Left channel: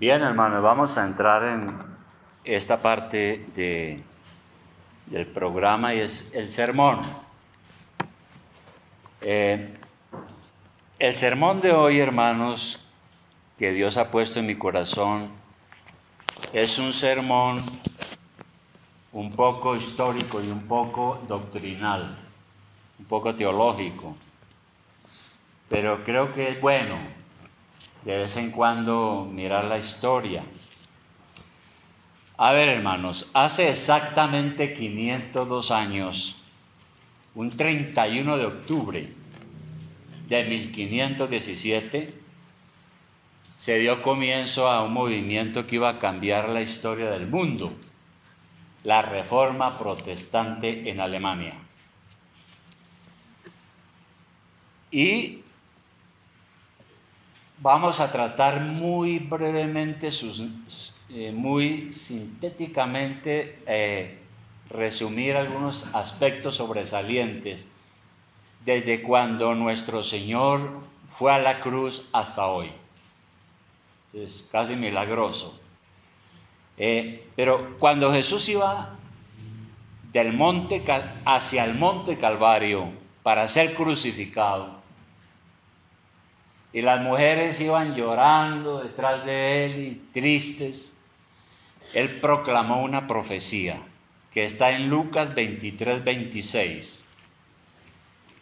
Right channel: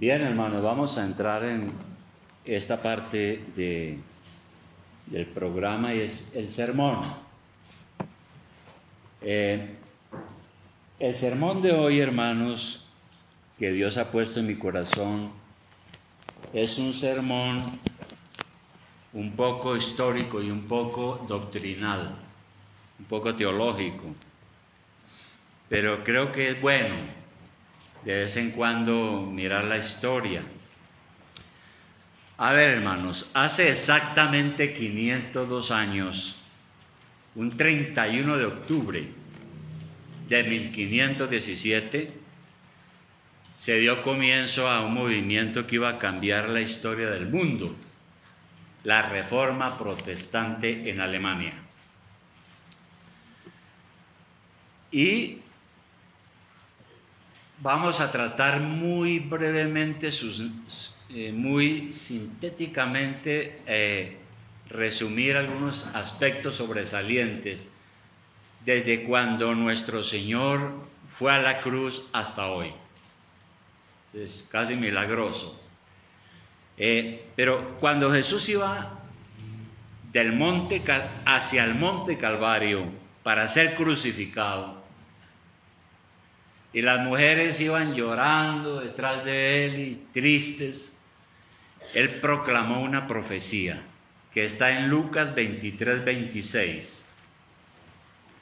Bien, hermanos, vamos a entrar en esta parte del programa y es el sermón. El sermón de hoy, hermanos, que Dios ha puesto en mi corazón, es un sermón un poco histórico y un poco doctrinal, un poco teológico, pero creo que es bueno de vez en cuando mirar la historia. A ver, hermanos, hace exactamente 502 años, un 31 de octubre de 1517, se dio comienzo a un movimiento que iba a cambiar la historia del mundo, la Reforma Protestante en Alemania. Y vamos a tratar muy brevemente, muy sintéticamente, resumir algunos aspectos sobresalientes desde cuando nuestro Señor fue a la cruz hasta hoy. Es casi milagroso. Pero cuando Jesús iba del monte hacia el monte Calvario para ser crucificado, y las mujeres iban llorando detrás de él y tristes, él proclamó una profecía que está en Lucas 23, 26.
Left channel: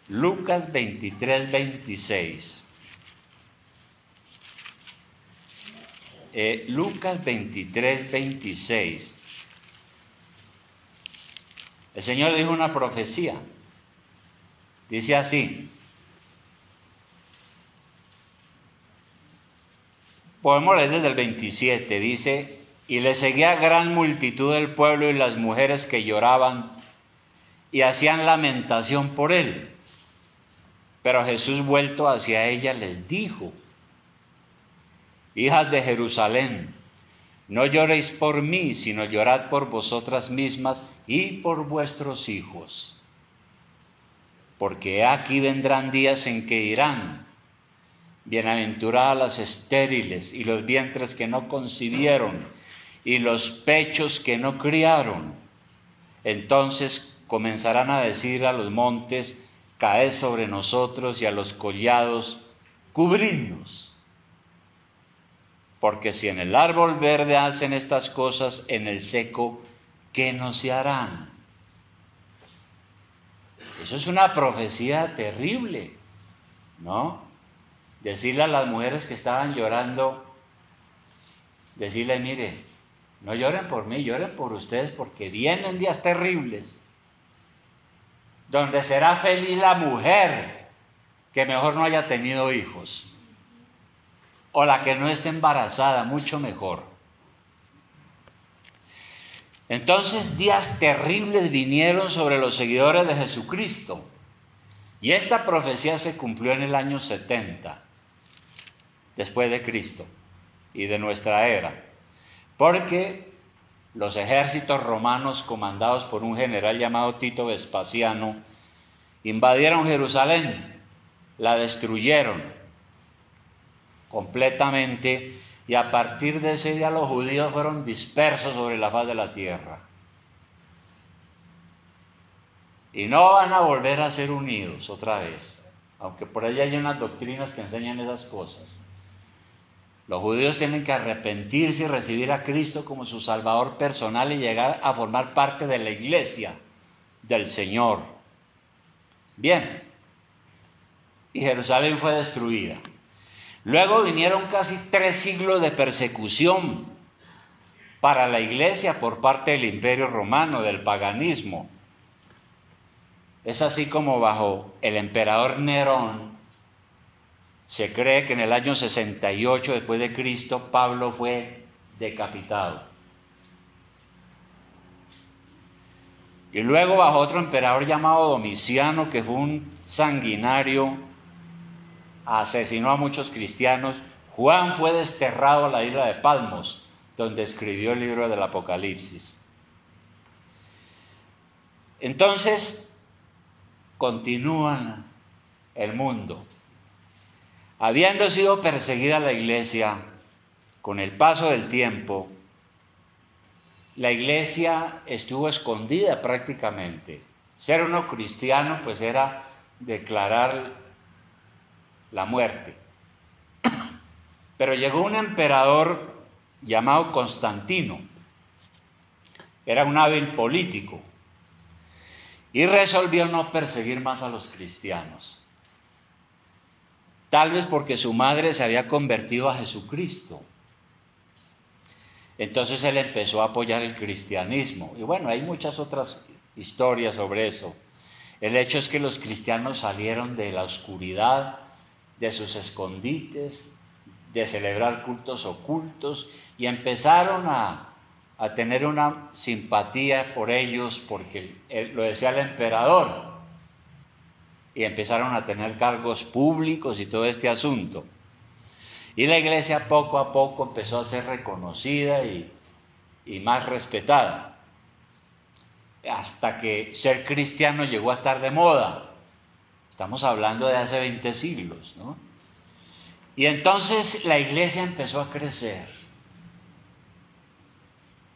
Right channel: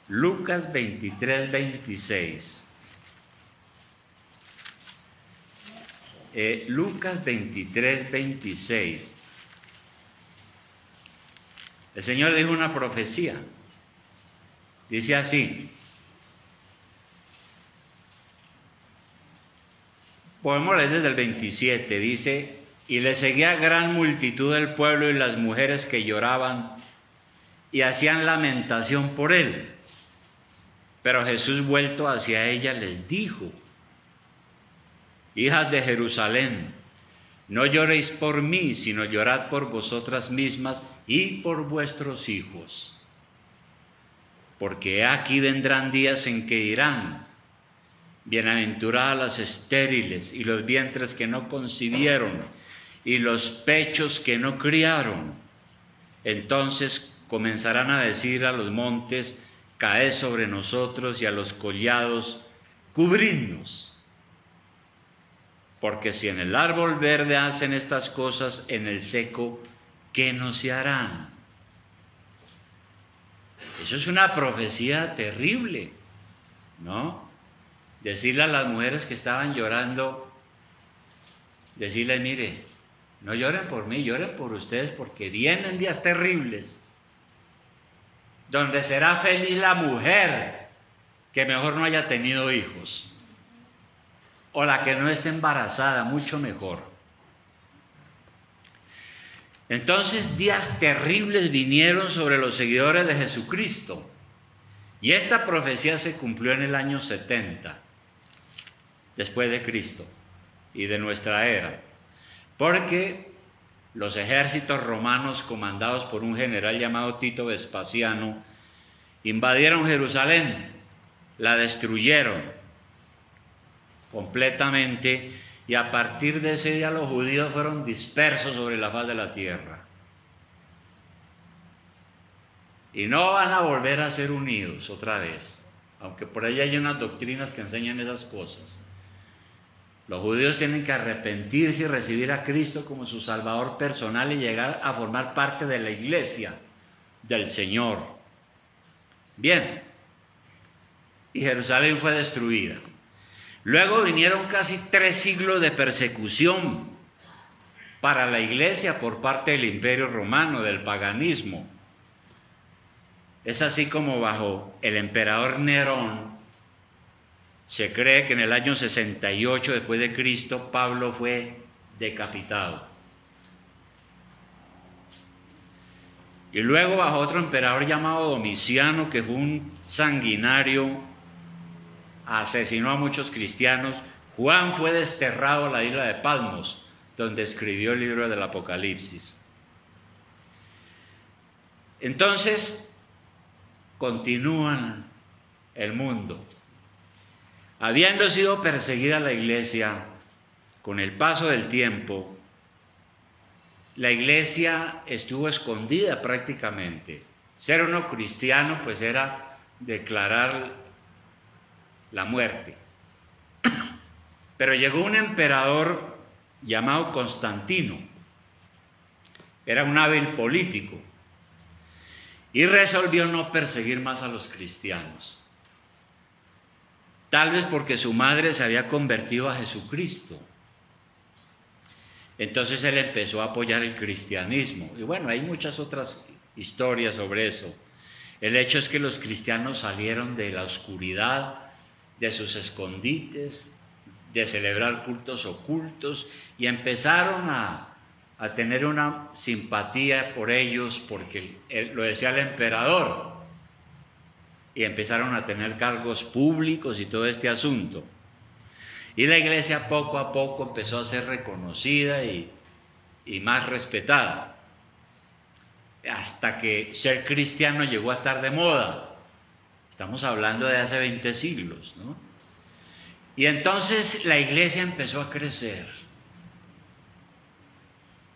Lucas 23, 26. Lucas 23, 26. El Señor dijo una profecía. Dice así. Podemos leer desde el 27, dice: y le seguía gran multitud del pueblo y las mujeres que lloraban y hacían lamentación por él. Pero Jesús, vuelto hacia ellas, les dijo: hijas de Jerusalén, no lloréis por mí, sino llorad por vosotras mismas y por vuestros hijos. Porque aquí vendrán días en que dirán: bienaventuradas las estériles y los vientres que no concibieron y los pechos que no criaron. Entonces comenzarán a decir a los montes: caed sobre nosotros, y a los collados: cubridnos. Porque si en el árbol verde hacen estas cosas, en el seco, ¿qué no se harán? Eso es una profecía terrible, ¿no? Decirle a las mujeres que estaban llorando, decirles: mire, no lloren por mí, lloren por ustedes, porque vienen días terribles, donde será feliz la mujer que mejor no haya tenido hijos, o la que no esté embarazada, mucho mejor. Entonces días terribles vinieron sobre los seguidores de Jesucristo, y esta profecía se cumplió en el año 70 después de Cristo y de nuestra era, porque los ejércitos romanos, comandados por un general llamado Tito Vespasiano, invadieron Jerusalén, la destruyeron completamente, y a partir de ese día los judíos fueron dispersos sobre la faz de la tierra. Y no van a volver a ser unidos otra vez, aunque por ahí hay unas doctrinas que enseñan esas cosas. Los judíos tienen que arrepentirse y recibir a Cristo como su Salvador personal y llegar a formar parte de la iglesia del Señor. Bien, y Jerusalén fue destruida. Luego vinieron casi 3 siglos de persecución para la iglesia por parte del Imperio Romano, del paganismo. Es así como bajo el emperador Nerón, se cree que en el año 68 después de Cristo, Pablo fue decapitado. Y luego bajo otro emperador llamado Domiciano, que fue un sanguinario, asesinó a muchos cristianos. Juan fue desterrado a la isla de Patmos, donde escribió el libro del Apocalipsis. Entonces continúan el mundo. Habiendo sido perseguida la iglesia con el paso del tiempo, la iglesia estuvo escondida prácticamente. Ser uno cristiano pues era declarar la muerte. Pero llegó un emperador llamado Constantino, era un hábil político, y resolvió no perseguir más a los cristianos. Tal vez porque su madre se había convertido a Jesucristo. Entonces él empezó a apoyar el cristianismo. Y bueno, hay muchas otras historias sobre eso. El hecho es que los cristianos salieron de la oscuridad, de sus escondites, de celebrar cultos ocultos, y empezaron a tener una simpatía por ellos porque lo decía el emperador, y empezaron a tener cargos públicos y todo este asunto. Y la iglesia poco a poco empezó a ser reconocida y más respetada, hasta que ser cristiano llegó a estar de moda. Estamos hablando de hace 20 siglos, ¿no? Y entonces la iglesia empezó a crecer.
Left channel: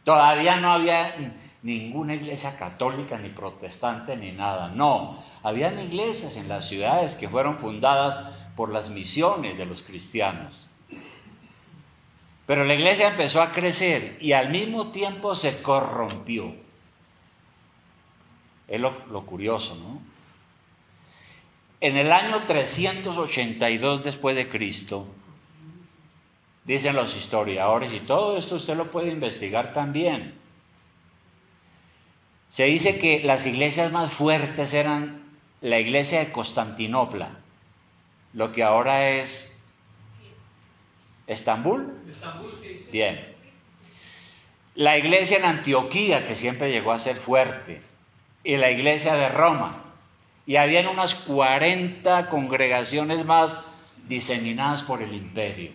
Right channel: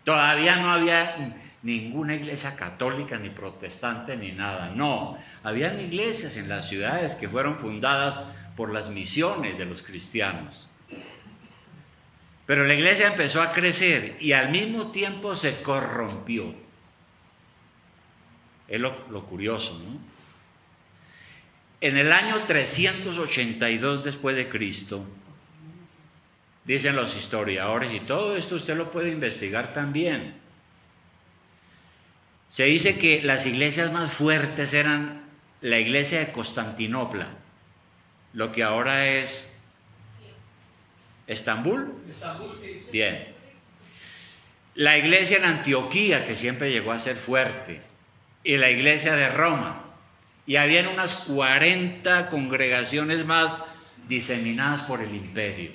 Todavía no había ninguna iglesia católica, ni protestante, ni nada. No, habían iglesias en las ciudades que fueron fundadas por las misiones de los cristianos. Pero la iglesia empezó a crecer y al mismo tiempo se corrompió. Es lo curioso, ¿no? En el año 382 después de Cristo, dicen los historiadores, y todo esto usted lo puede investigar también, se dice que las iglesias más fuertes eran la iglesia de Constantinopla, lo que ahora es ¿Estambul? Bien. La iglesia en Antioquía, que siempre llegó a ser fuerte, y la iglesia de Roma. Y habían unas 40 congregaciones más diseminadas por el imperio.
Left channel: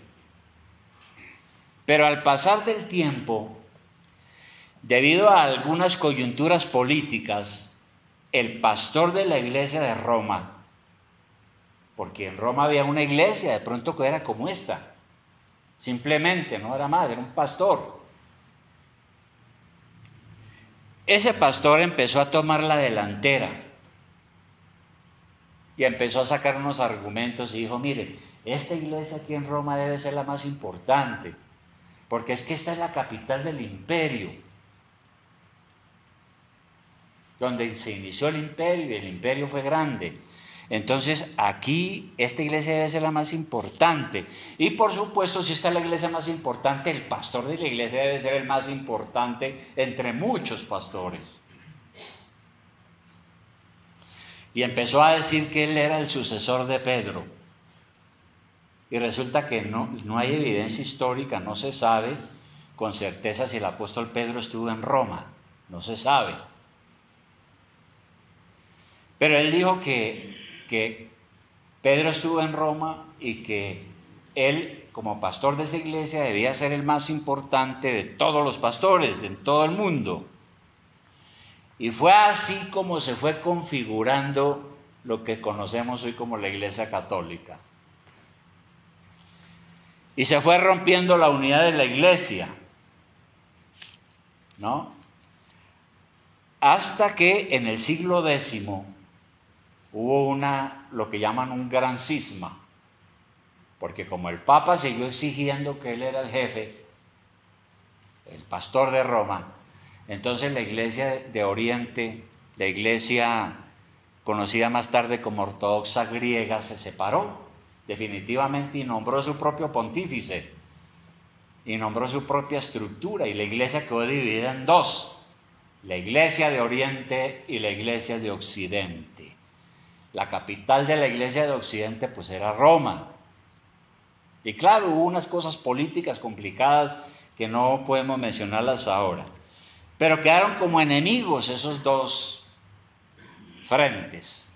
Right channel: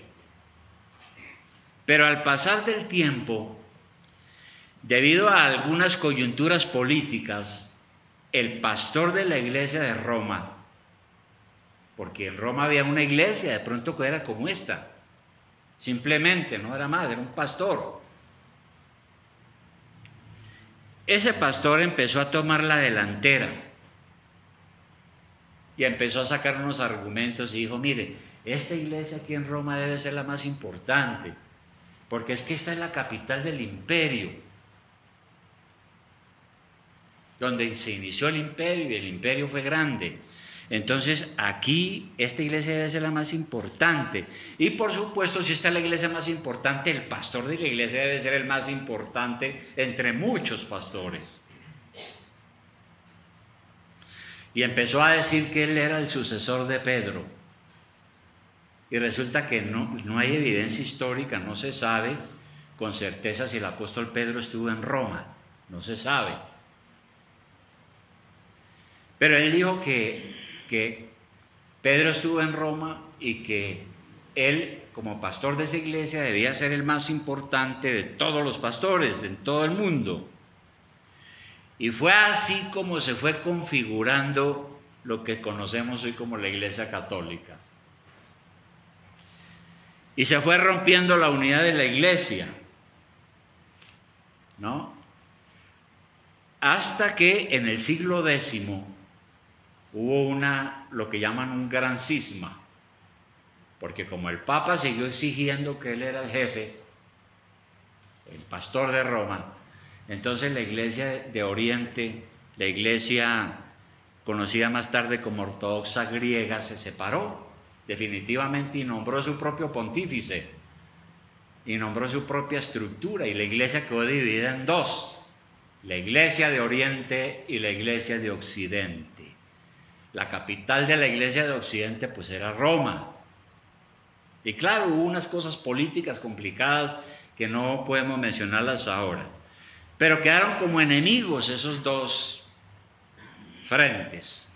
Pero al pasar del tiempo, debido a algunas coyunturas políticas, el pastor de la iglesia de Roma, porque en Roma había una iglesia de pronto que era como esta, simplemente, no era más, era un pastor. Ese pastor empezó a tomar la delantera y empezó a sacar unos argumentos y dijo, mire, esta iglesia aquí en Roma debe ser la más importante, porque es que esta es la capital del imperio, donde se inició el imperio y el imperio fue grande. Entonces aquí esta iglesia debe ser la más importante. Y por supuesto, si esta es la iglesia más importante, el pastor de la iglesia debe ser el más importante entre muchos pastores. Y empezó a decir que él era el sucesor de Pedro. Y resulta que no hay evidencia histórica, no se sabe con certeza si el apóstol Pedro estuvo en Roma, no se sabe. Pero él dijo que Pedro estuvo en Roma y que él, como pastor de esa iglesia, debía ser el más importante de todos los pastores, de todo el mundo. Y fue así como se fue configurando lo que conocemos hoy como la Iglesia Católica. Y se fue rompiendo la unidad de la iglesia, ¿no? Hasta que en el siglo X hubo lo que llaman un gran cisma, porque como el Papa siguió exigiendo que él era el jefe, el pastor de Roma, entonces la iglesia de Oriente, la iglesia conocida más tarde como ortodoxa griega, se separó definitivamente y nombró su propio pontífice y nombró su propia estructura, y la iglesia quedó dividida en dos: la iglesia de Oriente y la iglesia de Occidente. La capital de la iglesia de Occidente pues era Roma, y claro, hubo unas cosas políticas complicadas que no podemos mencionarlas ahora, pero quedaron como enemigos esos dos frentes.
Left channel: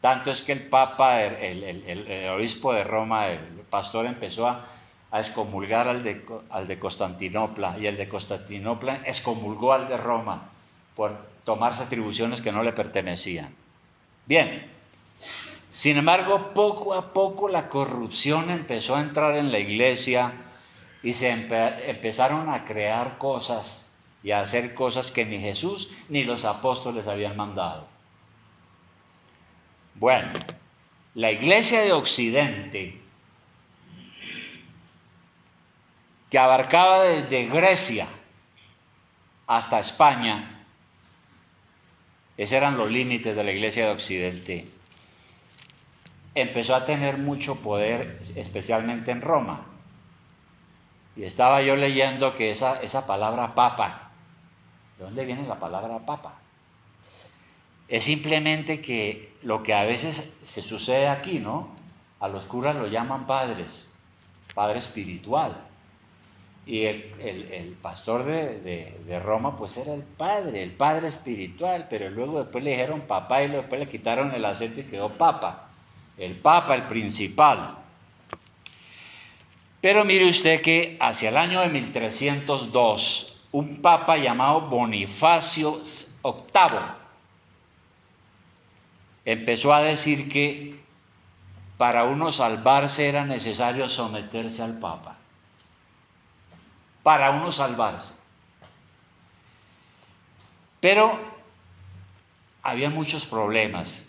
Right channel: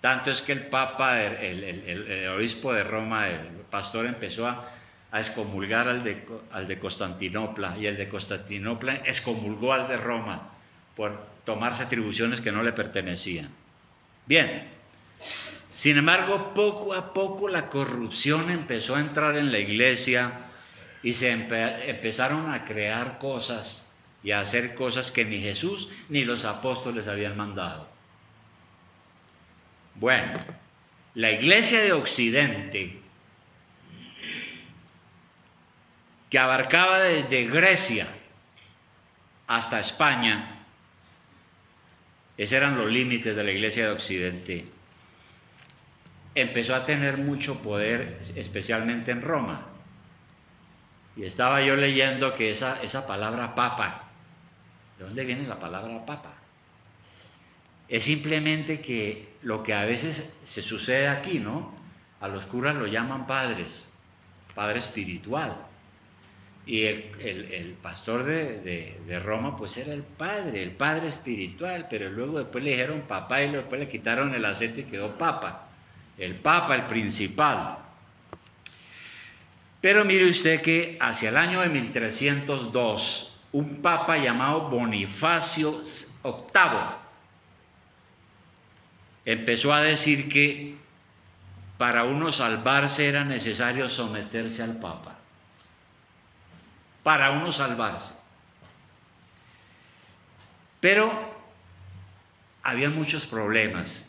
Tanto es que el Papa, el obispo de Roma, el pastor, empezó a excomulgar al de Constantinopla, y el de Constantinopla excomulgó al de Roma por tomarse atribuciones que no le pertenecían. Bien, sin embargo, poco a poco la corrupción empezó a entrar en la iglesia y se empezaron a crear cosas y a hacer cosas que ni Jesús ni los apóstoles habían mandado. Bueno, la iglesia de Occidente, que abarcaba desde Grecia hasta España, esos eran los límites de la iglesia de Occidente, empezó a tener mucho poder, especialmente en Roma. Y estaba yo leyendo que esa palabra papa, ¿de dónde viene la palabra papa? Es simplemente que lo que a veces se sucede aquí, ¿no? A los curas lo llaman padres, padre espiritual. Y el pastor de Roma pues era el padre espiritual, pero luego después le dijeron papá y después le quitaron el acento y quedó papa. El papa, el principal. Pero mire usted que hacia el año de 1302, un papa llamado Bonifacio VIII empezó a decir que para uno salvarse era necesario someterse al papa. Para uno salvarse. Pero había muchos problemas.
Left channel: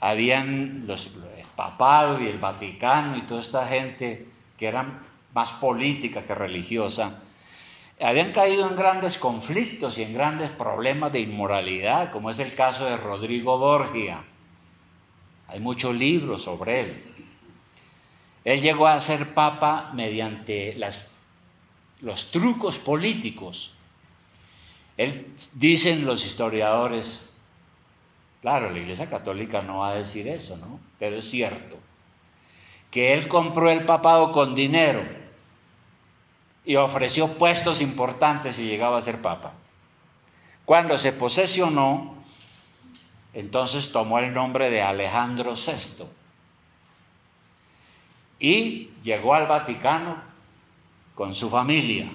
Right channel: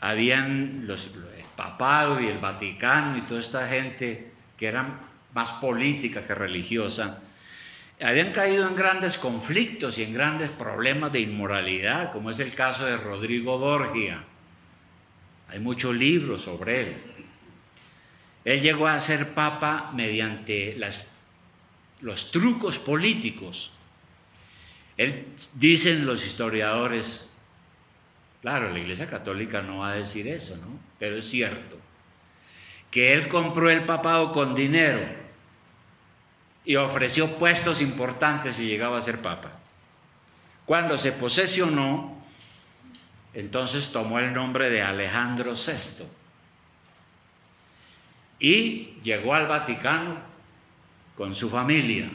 Habían el papado y el Vaticano y toda esta gente que eran más política que religiosa, habían caído en grandes conflictos y en grandes problemas de inmoralidad, como es el caso de Rodrigo Borgia. Hay muchos libros sobre él. Él llegó a ser papa mediante los trucos políticos. Dicen los historiadores, claro, la Iglesia Católica no va a decir eso, ¿no? Pero es cierto, que él compró el papado con dinero y ofreció puestos importantes y llegaba a ser papa. Cuando se posesionó, entonces tomó el nombre de Alejandro VI y llegó al Vaticano con su familia,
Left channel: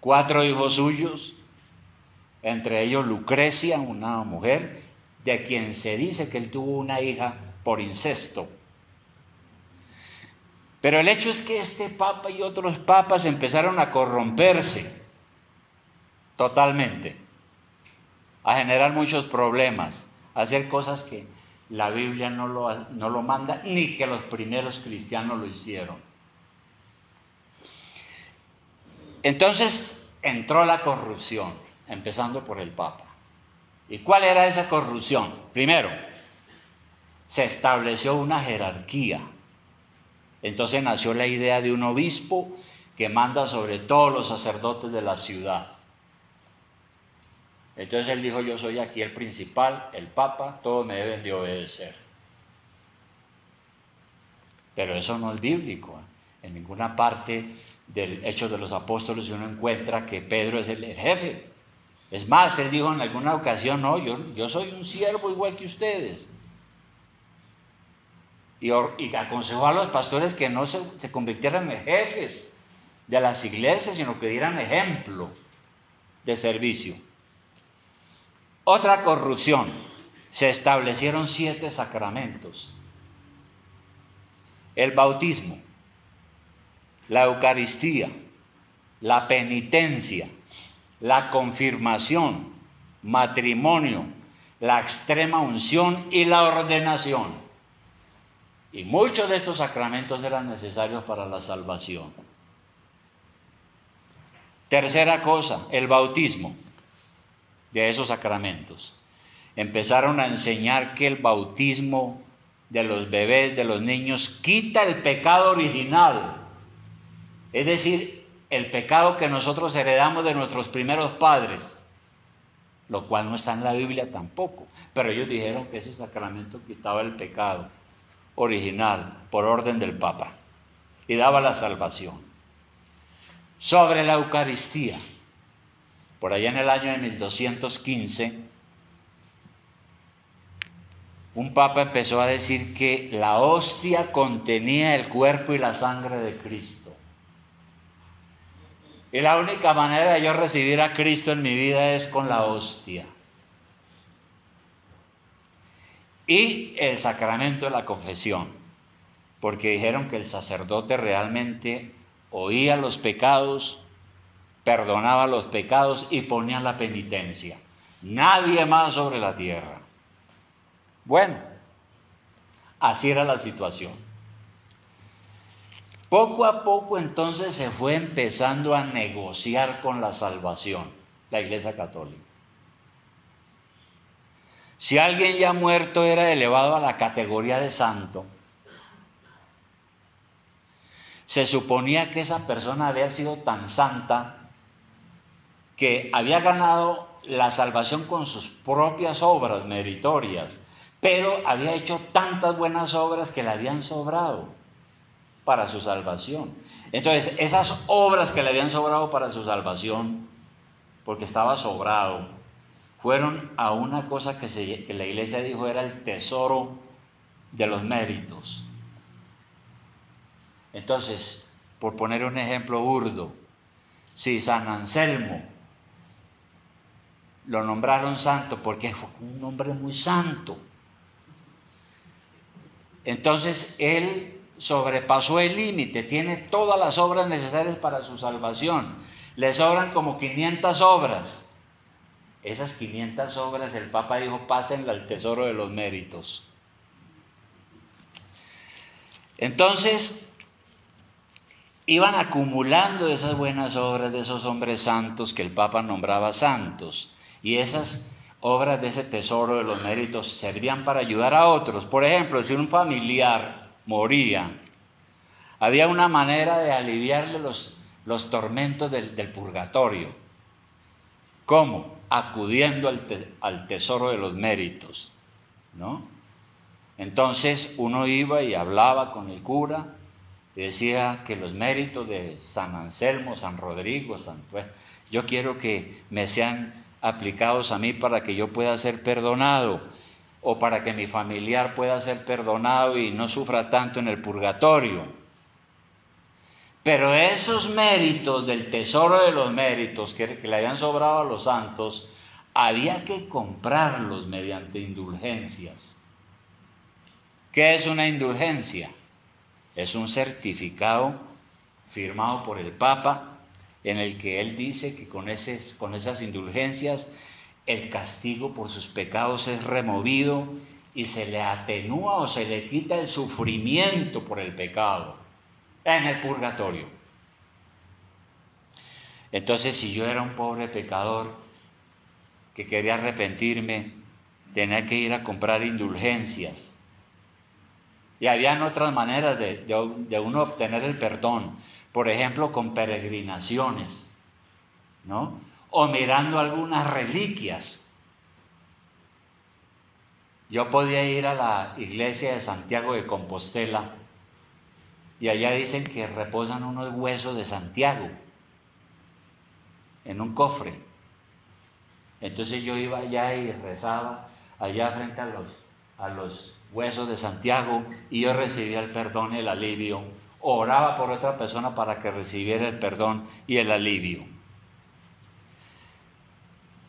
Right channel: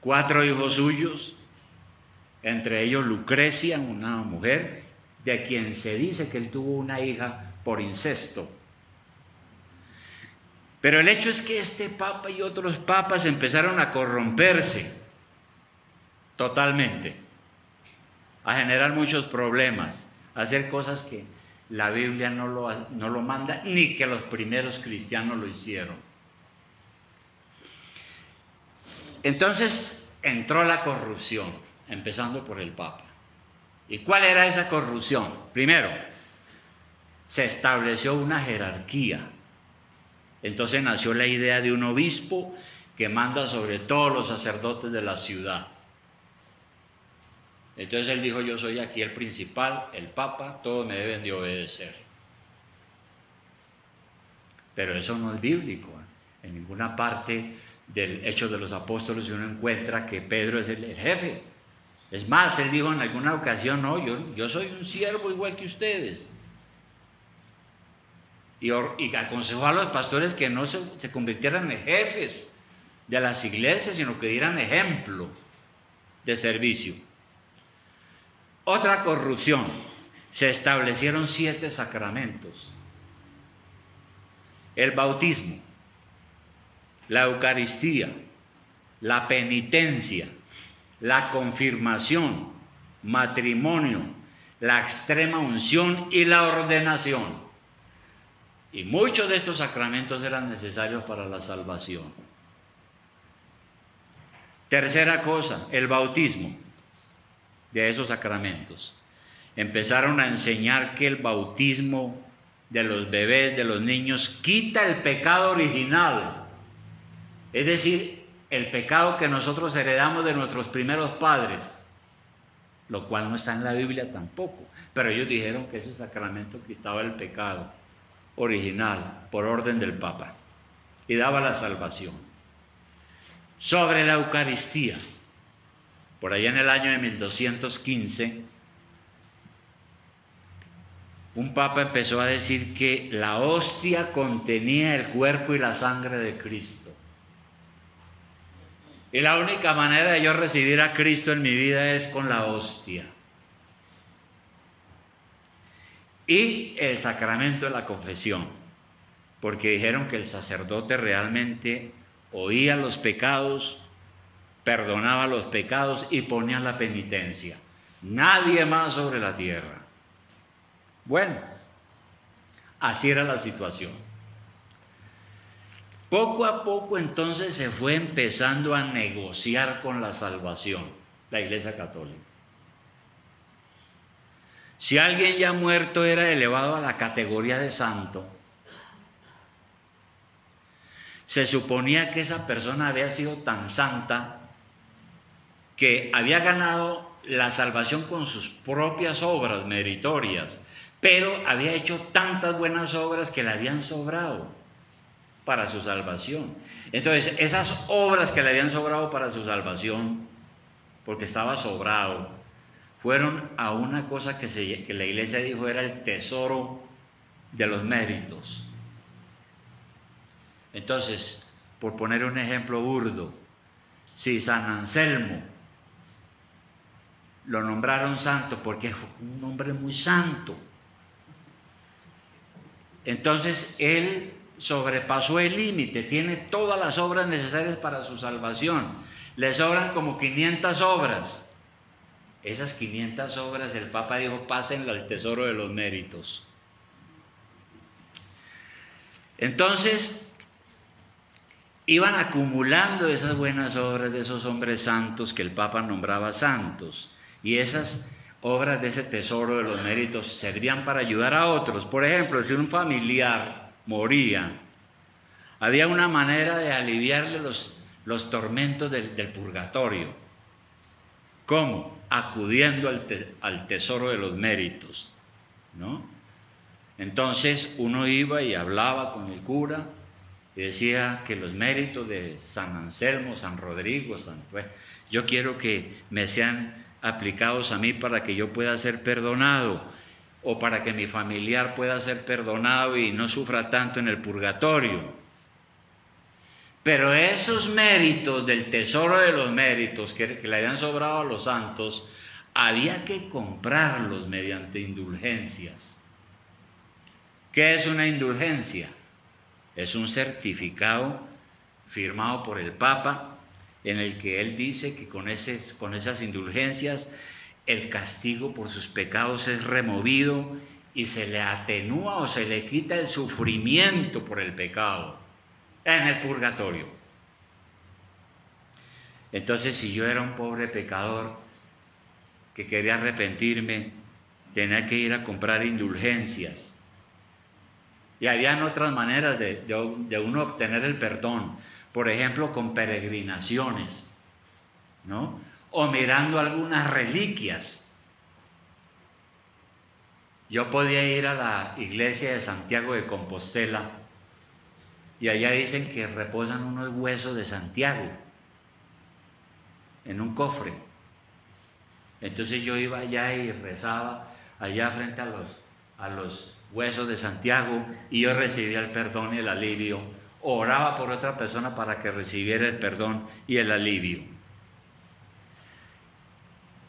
4 hijos suyos, entre ellos Lucrecia, una mujer de quien se dice que él tuvo una hija por incesto. Pero el hecho es que este papa y otros papas empezaron a corromperse totalmente, a generar muchos problemas, a hacer cosas que la Biblia no lo manda, ni que los primeros cristianos lo hicieron. Entonces entró la corrupción, empezando por el papa. ¿Y cuál era esa corrupción? Primero, se estableció una jerarquía. Entonces nació la idea de un obispo que manda sobre todos los sacerdotes de la ciudad. Entonces él dijo, yo soy aquí el principal, el papa, todos me deben de obedecer. Pero eso no es bíblico, ¿eh? En ninguna parte del Hechos de los Apóstoles uno encuentra que Pedro es el jefe. Es más, él dijo en alguna ocasión, no, yo soy un siervo igual que ustedes. Y aconsejó a los pastores que no se convirtieran en jefes de las iglesias, sino que dieran ejemplo de servicio. Otra corrupción, se establecieron 7 sacramentos: el bautismo, la Eucaristía, la penitencia, la confirmación, matrimonio, la extrema unción y la ordenación. Y muchos de estos sacramentos eran necesarios para la salvación. Tercera cosa, el bautismo de esos sacramentos. Empezaron a enseñar que el bautismo de los bebés, de los niños, quita el pecado original. Es decir, el pecado que nosotros heredamos de nuestros primeros padres, lo cual no está en la Biblia tampoco. Pero ellos dijeron que ese sacramento quitaba el pecado original por orden del Papa y daba la salvación. Sobre la Eucaristía, por allá en el año de 1215, un papa empezó a decir que la hostia contenía el cuerpo y la sangre de Cristo. Y la única manera de yo recibir a Cristo en mi vida es con la hostia. Y el sacramento de la confesión, porque dijeron que el sacerdote realmente oía los pecados, perdonaba los pecados y ponía la penitencia. Nadie más sobre la tierra. Bueno, así era la situación. Poco a poco entonces se fue empezando a negociar con la salvación, la Iglesia Católica. Si alguien ya muerto era elevado a la categoría de santo, se suponía que esa persona había sido tan santa que había ganado la salvación con sus propias obras meritorias, pero había hecho tantas buenas obras que le habían sobrado para su salvación. Entonces, esas obras que le habían sobrado para su salvación, porque estaba sobrado, fueron a una cosa que la Iglesia dijo era el tesoro de los méritos. Entonces, por poner un ejemplo burdo, si San Anselmo lo nombraron santo porque fue un hombre muy santo, entonces él sobrepasó el límite, tiene todas las obras necesarias para su salvación, le sobran como 500 obras. Esas 500 obras el Papa dijo, pásenlo al tesoro de los méritos. Entonces iban acumulando esas buenas obras de esos hombres santos que el Papa nombraba santos, y esas obras de ese tesoro de los méritos servían para ayudar a otros. Por ejemplo, si un familiar moría, había una manera de aliviarle los tormentos del purgatorio. ¿Cómo? Acudiendo al tesoro de los méritos, ¿no? Entonces uno iba y hablaba con el cura y decía que los méritos de San Anselmo, San Rodrigo, yo quiero que me sean aplicados a mí para que yo pueda ser perdonado, o para que mi familiar pueda ser perdonado y no sufra tanto en el purgatorio. Pero esos méritos del tesoro de los méritos que le habían sobrado a los santos, había que comprarlos mediante indulgencias. ¿Qué es una indulgencia? Es un certificado firmado por el Papa en el que él dice que con esas indulgencias el castigo por sus pecados es removido y se le atenúa o se le quita el sufrimiento por el pecado en el purgatorio. Entonces, si yo era un pobre pecador que quería arrepentirme, tenía que ir a comprar indulgencias. Y habían otras maneras de uno obtener el perdón, por ejemplo, con peregrinaciones, ¿no? O mirando algunas reliquias. Yo podía ir a la iglesia de Santiago de Compostela y allá dicen que reposan unos huesos de Santiago en un cofre. Entonces yo iba allá y rezaba allá frente a los huesos de Santiago y yo recibía el perdón y el alivio. Oraba por otra persona para que recibiera el perdón y el alivio.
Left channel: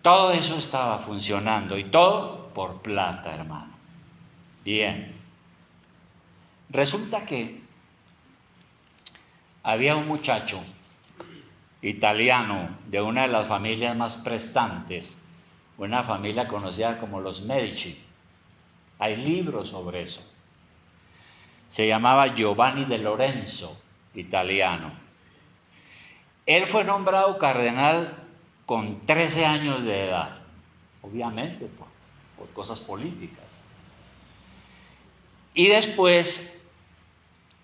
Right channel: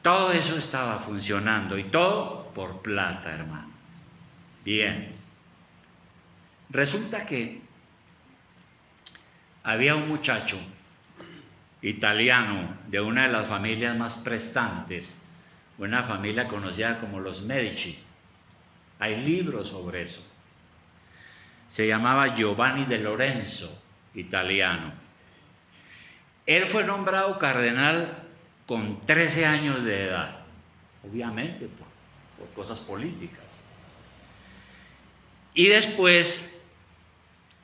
Todo eso estaba funcionando y todo por plata, hermano. Bien. Resulta que había un muchacho italiano de una de las familias más prestantes, una familia conocida como los Medici. Hay libros sobre eso. Se llamaba Giovanni de Lorenzo, italiano. Él fue nombrado cardenal con 13 años de edad, obviamente por cosas políticas. Y después,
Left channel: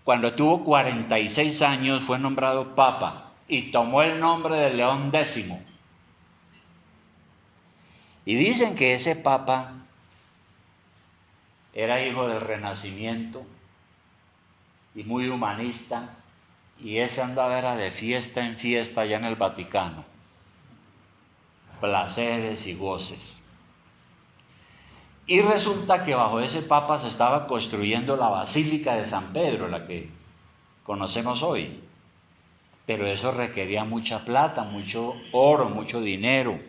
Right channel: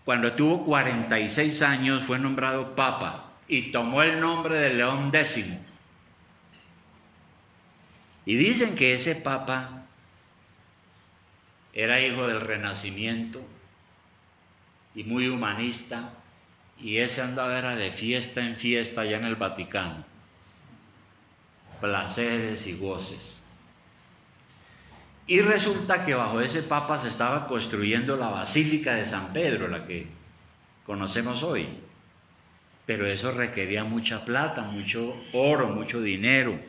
cuando tuvo 46 años, fue nombrado papa y tomó el nombre de León X. Y dicen que ese papa era hijo del Renacimiento y muy humanista, y ese andaba era de fiesta en fiesta allá en el Vaticano, placeres y goces. Y resulta que bajo ese papa se estaba construyendo la Basílica de San Pedro, la que conocemos hoy, pero eso requería mucha plata, mucho oro, mucho dinero,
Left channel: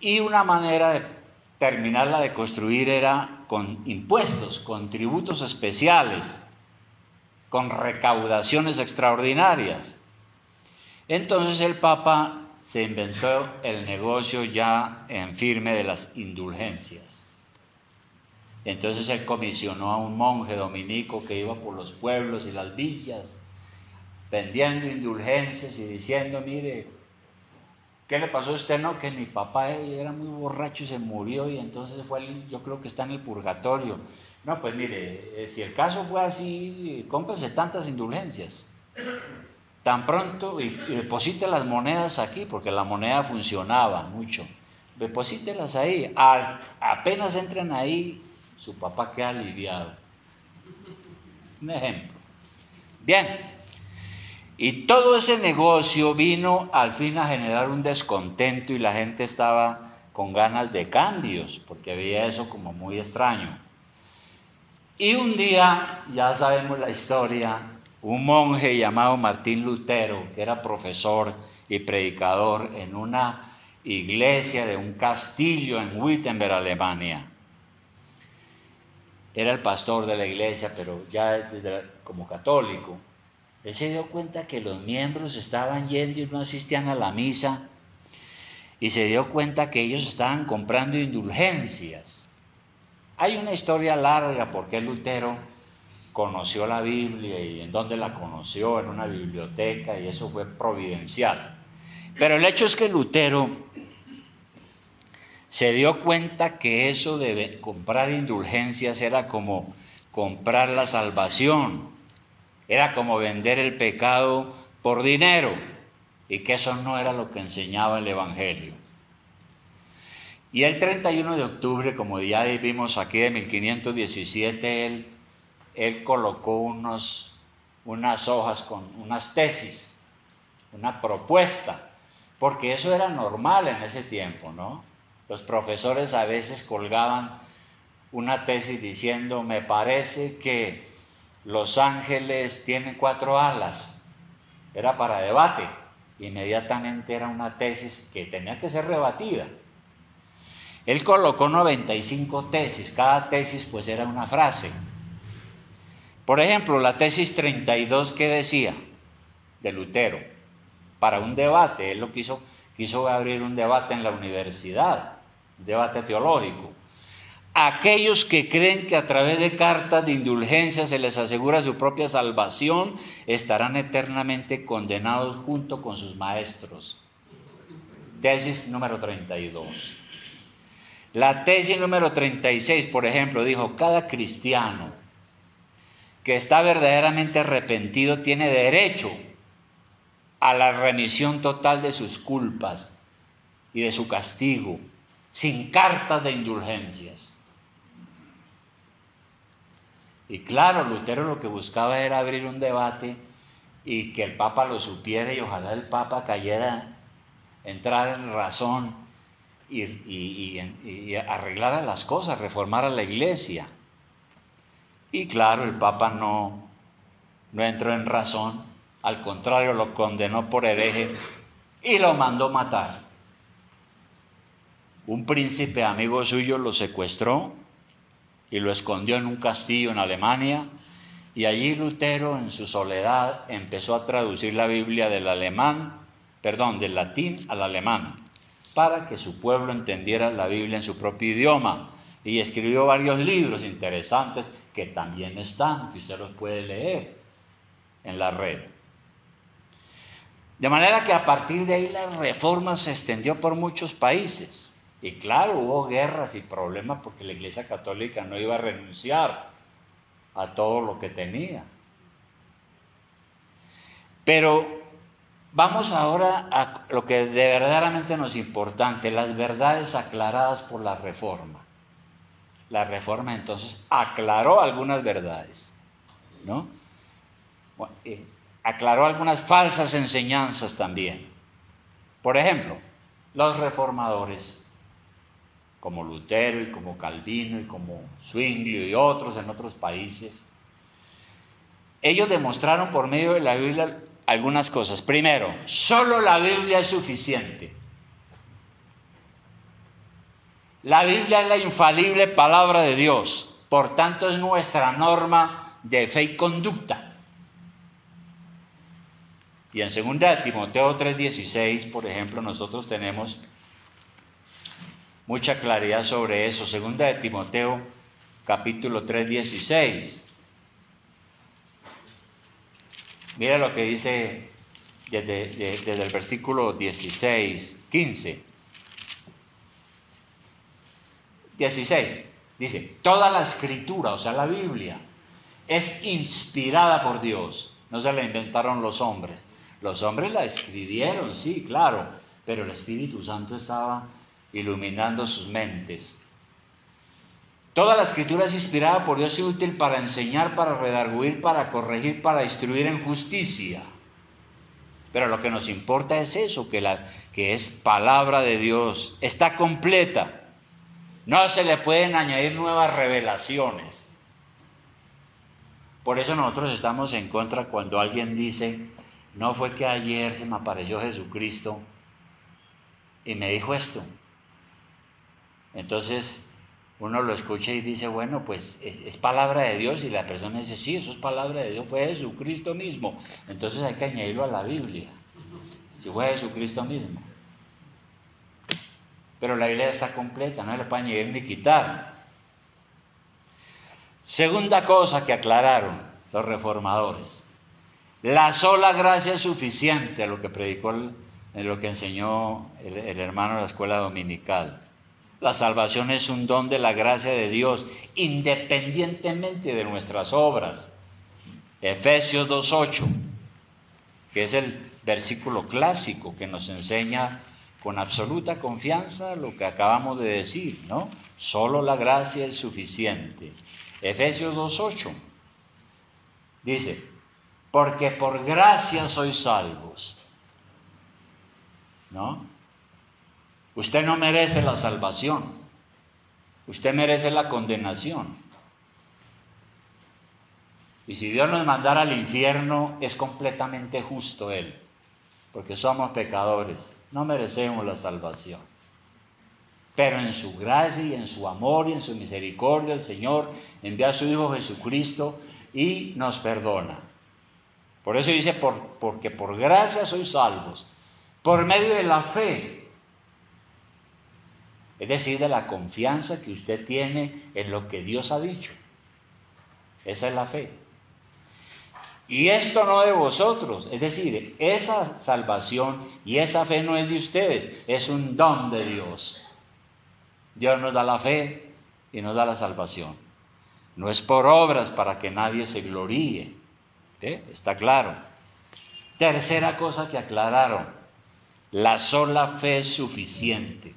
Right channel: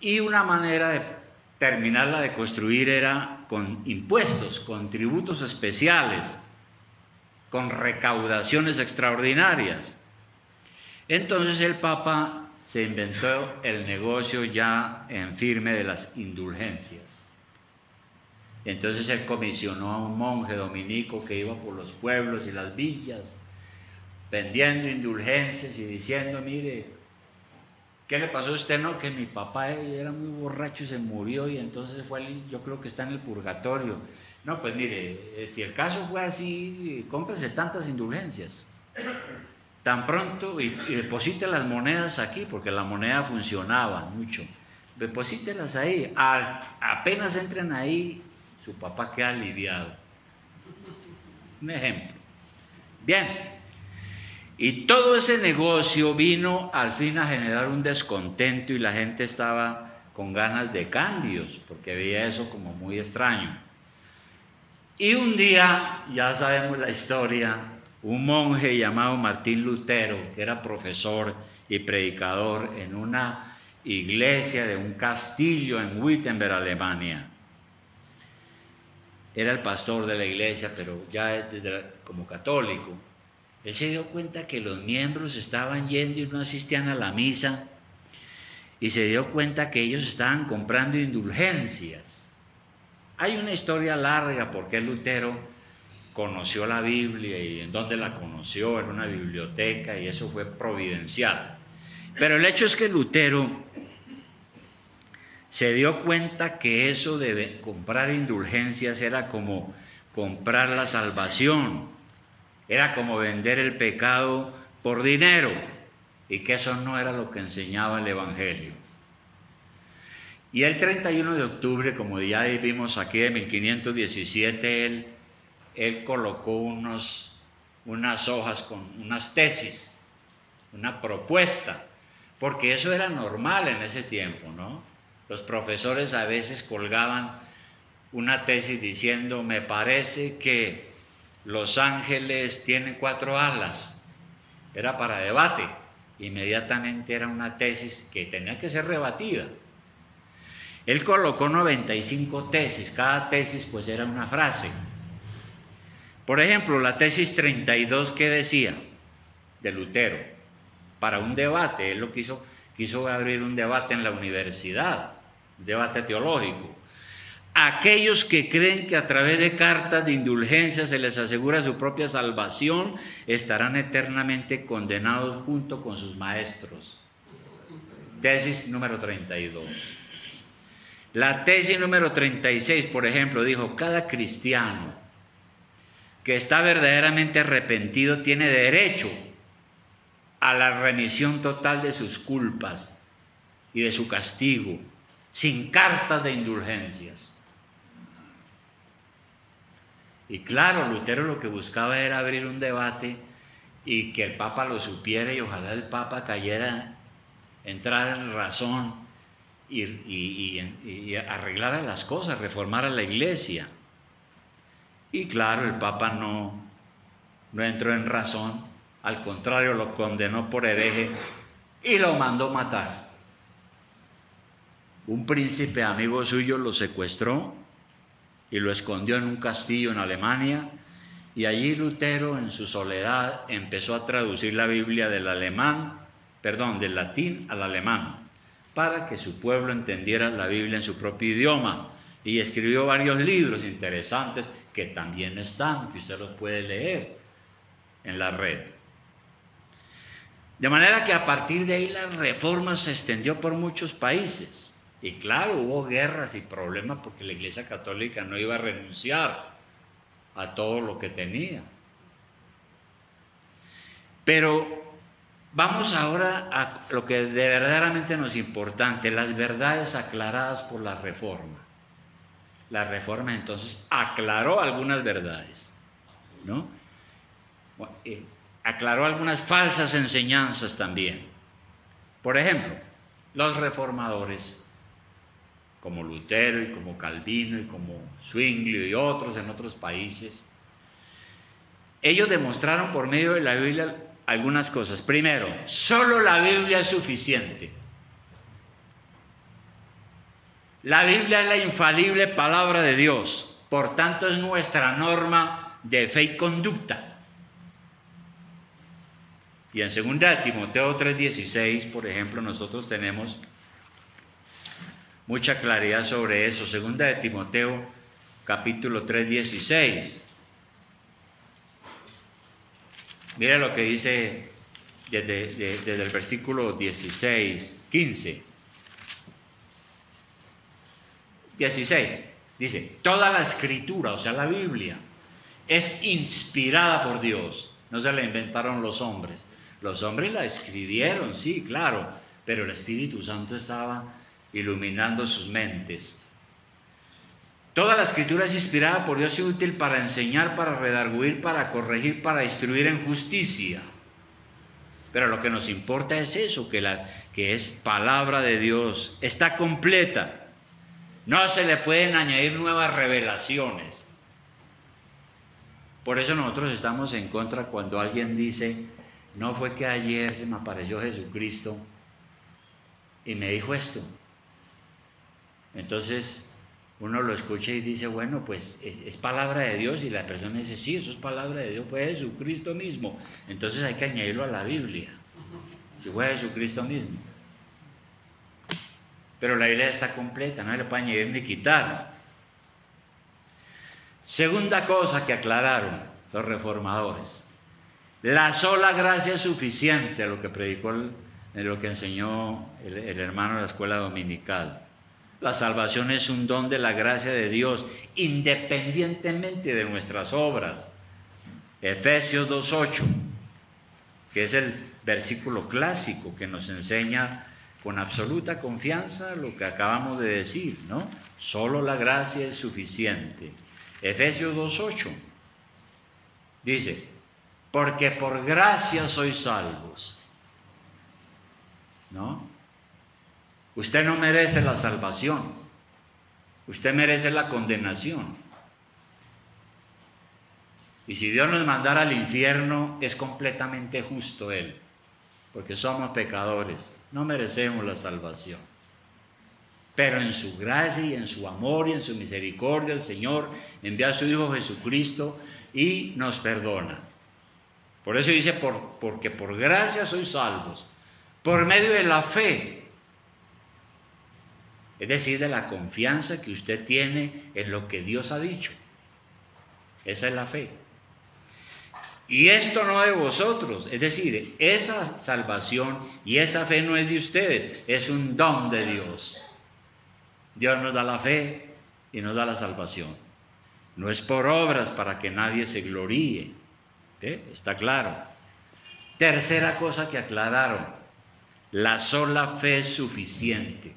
y una manera de terminarla de construir era con impuestos, con tributos especiales. con recaudaciones extraordinarias. Entonces el Papa se inventó el negocio ya en firme de las indulgencias. Entonces él comisionó a un monje dominico que iba por los pueblos y las villas vendiendo indulgencias y diciendo: mire, ¿qué le pasó a usted? No, que mi papá era muy borracho y se murió, y entonces yo creo que está en el purgatorio. No, pues mire, si el caso fue así, cómprese tantas indulgencias, tan pronto, y deposite las monedas aquí, porque la moneda funcionaba mucho. Deposítelas ahí, apenas entren ahí, su papá queda aliviado. Un ejemplo. Bien. Y todo ese negocio vino al fin a generar un descontento, y la gente estaba con ganas de cambios, porque veía eso como muy extraño. Y un día, ya sabemos la historia, un monje llamado Martín Lutero, que era profesor y predicador en una iglesia de un castillo en Wittenberg, Alemania. Era el pastor de la iglesia, pero ya como católico. Él se dio cuenta que los miembros estaban yendo y no asistían a la misa, y se dio cuenta que ellos estaban comprando indulgencias. Hay una historia larga porque Lutero conoció la Biblia y en dónde la conoció, en una biblioteca, y eso fue providencial. Pero el hecho es que Lutero se dio cuenta que eso de comprar indulgencias era como comprar la salvación. Era como vender el pecado por dinero, y que eso no era lo que enseñaba el Evangelio. Y el 31 de octubre, como ya vimos aquí, de 1517, él colocó unas hojas con unas tesis, una propuesta, porque eso era normal en ese tiempo, ¿no? Los profesores a veces colgaban una tesis diciendo: me parece que los ángeles tienen 4 alas. Era para debate. Inmediatamente era una tesis que tenía que ser rebatida. Él colocó 95 tesis. Cada tesis pues era una frase. Por ejemplo, la tesis 32, ¿qué decía? De Lutero. Para un debate. Él lo quiso abrir un debate en la universidad. Un debate teológico. Aquellos que creen que a través de cartas de indulgencia se les asegura su propia salvación estarán eternamente condenados junto con sus maestros. Tesis número 32. La tesis número 36, por ejemplo, dijo: cada cristiano que está verdaderamente arrepentido tiene derecho a la remisión total de sus culpas y de su castigo, sin cartas de indulgencias. Y claro, Lutero lo que buscaba era abrir un debate y que el Papa lo supiera, y ojalá el Papa entrara en razón y arreglara las cosas, reformara la iglesia. Y claro, el Papa no entró en razón, al contrario, lo condenó por hereje y lo mandó matar. Un príncipe amigo suyo lo secuestró y lo escondió en un castillo en Alemania, y allí Lutero, en su soledad, empezó a traducir la Biblia del latín al alemán, para que su pueblo entendiera la Biblia en su propio idioma, y escribió varios libros interesantes que también están, que usted los puede leer en la red. De manera que a partir de ahí la reforma se extendió por muchos países. Y claro, hubo guerras y problemas porque la Iglesia Católica no iba a renunciar a todo lo que tenía. Pero vamos ahora a lo que de verdaderamente nos es importante: las verdades aclaradas por la Reforma. La Reforma entonces aclaró algunas verdades, ¿no? Aclaró algunas falsas enseñanzas también. Por ejemplo, los reformadores, como Lutero y como Calvino y como Zwinglio y otros en otros países, ellos demostraron por medio de la Biblia algunas cosas. Primero, solo la Biblia es suficiente. La Biblia es la infalible palabra de Dios, por tanto es nuestra norma de fe y conducta. Y en 2 Timoteo 3:16, por ejemplo, nosotros tenemos mucha claridad sobre eso. 2 Timoteo capítulo 3:16. Mira lo que dice desde el versículo 15. 16. Dice, toda la escritura, o sea, la Biblia, es inspirada por Dios. No se la inventaron los hombres. Los hombres la escribieron, sí, claro, pero el Espíritu Santo estaba iluminando sus mentes. Toda la escritura es inspirada por Dios y útil para enseñar, para redarguir, para corregir, para instruir en justicia. Pero lo que nos importa es eso, que es palabra de Dios, está completa. No se le pueden añadir nuevas revelaciones. Por eso nosotros estamos en contra cuando alguien dice, no fue que ayer se me apareció Jesucristo y me dijo esto. Entonces uno lo escucha y dice, bueno, pues es palabra de Dios, y la persona dice, sí, eso es palabra de Dios, fue Jesucristo mismo. Entonces hay que añadirlo a la Biblia, si fue Jesucristo mismo. Pero la Biblia está completa, no le puede añadir ni quitar. Segunda cosa que aclararon los reformadores: la sola gracia es suficiente, a lo que predicó, lo que enseñó el hermano de la escuela dominical. La salvación es un don de la gracia de Dios, independientemente de nuestras obras. Efesios 2:8, que es el versículo clásico que nos enseña con absoluta confianza lo que acabamos de decir, ¿no? Solo la gracia es suficiente. Efesios 2:8 dice, porque por gracia sois salvos, ¿no? Usted no merece la salvación, usted merece la condenación. Y si Dios nos mandara al infierno, es completamente justo Él, porque somos pecadores, no merecemos la salvación. Pero en su gracia y en su amor y en su misericordia, el Señor envía a su Hijo Jesucristo y nos perdona. Por eso dice, porque por gracia sois salvos, por medio de la fe. Es decir, de la confianza que usted tiene en lo que Dios ha dicho. Esa es la fe. Y esto no de vosotros, es decir, esa salvación y esa fe no es de ustedes, es un don de Dios. Dios nos da la fe y nos da la salvación. No es por obras para que nadie se gloríe. Está claro. Tercera cosa que aclararon: la sola fe es suficiente.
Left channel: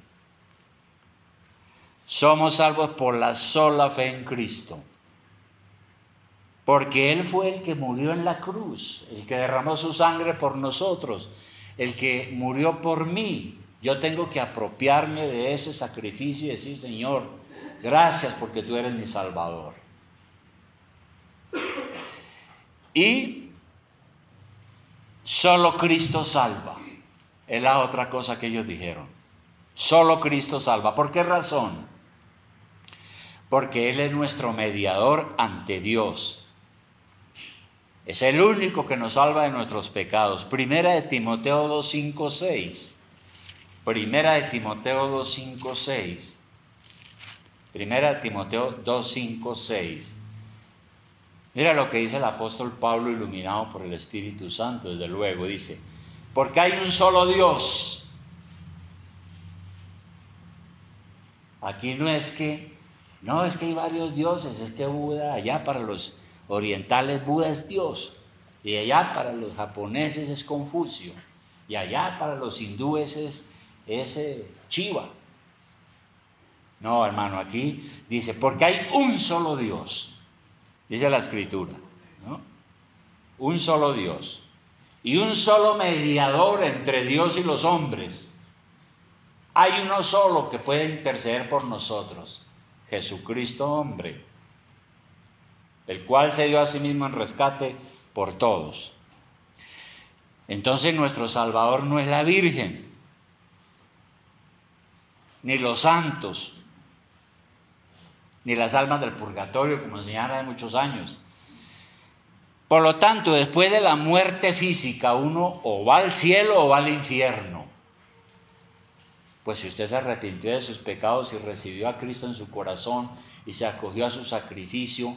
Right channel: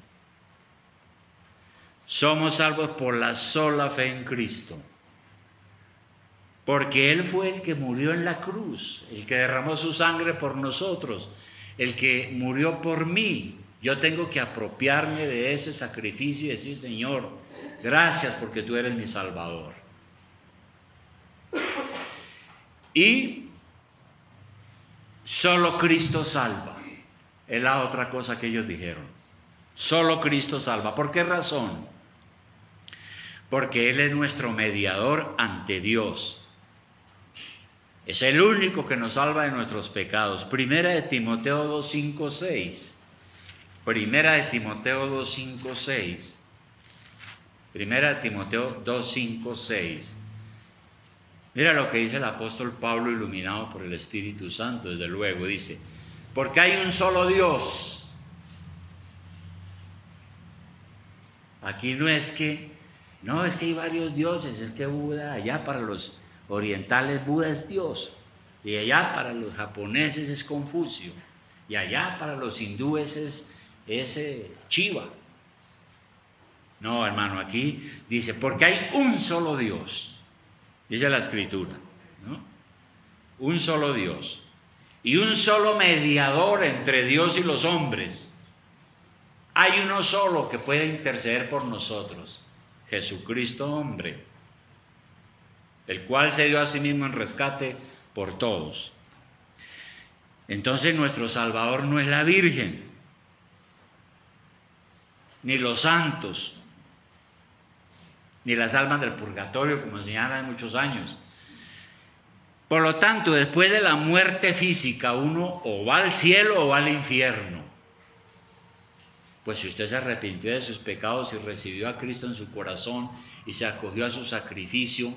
Somos salvos por la sola fe en Cristo. Porque Él fue el que murió en la cruz, el que derramó su sangre por nosotros, el que murió por mí. Yo tengo que apropiarme de ese sacrificio y decir, Señor, gracias porque tú eres mi Salvador. Y solo Cristo salva. Es la otra cosa que ellos dijeron. Solo Cristo salva. ¿Por qué razón? Porque Él es nuestro mediador ante Dios. Es el único que nos salva de nuestros pecados. Primera de Timoteo 2:5-6. Primera de Timoteo 2:5-6. Primera de Timoteo 2:5-6. Mira lo que dice el apóstol Pablo, iluminado por el Espíritu Santo, desde luego. Dice, porque hay un solo Dios. Aquí no es que hay varios dioses, es que Buda, allá para los orientales Buda es Dios, y allá para los japoneses es Confucio, y allá para los hindúes es Shiva. No, hermano, aquí dice, porque hay un solo Dios, dice la Escritura, ¿no? Un solo Dios, y un solo mediador entre Dios y los hombres. Hay uno solo que puede interceder por nosotros, Jesucristo hombre, el cual se dio a sí mismo en rescate por todos. Entonces nuestro Salvador no es la Virgen, ni los santos, ni las almas del purgatorio, como enseñaron hace muchos años. Por lo tanto, después de la muerte física, uno o va al cielo o va al infierno. Pues si usted se arrepintió de sus pecados y recibió a Cristo en su corazón y se acogió a su sacrificio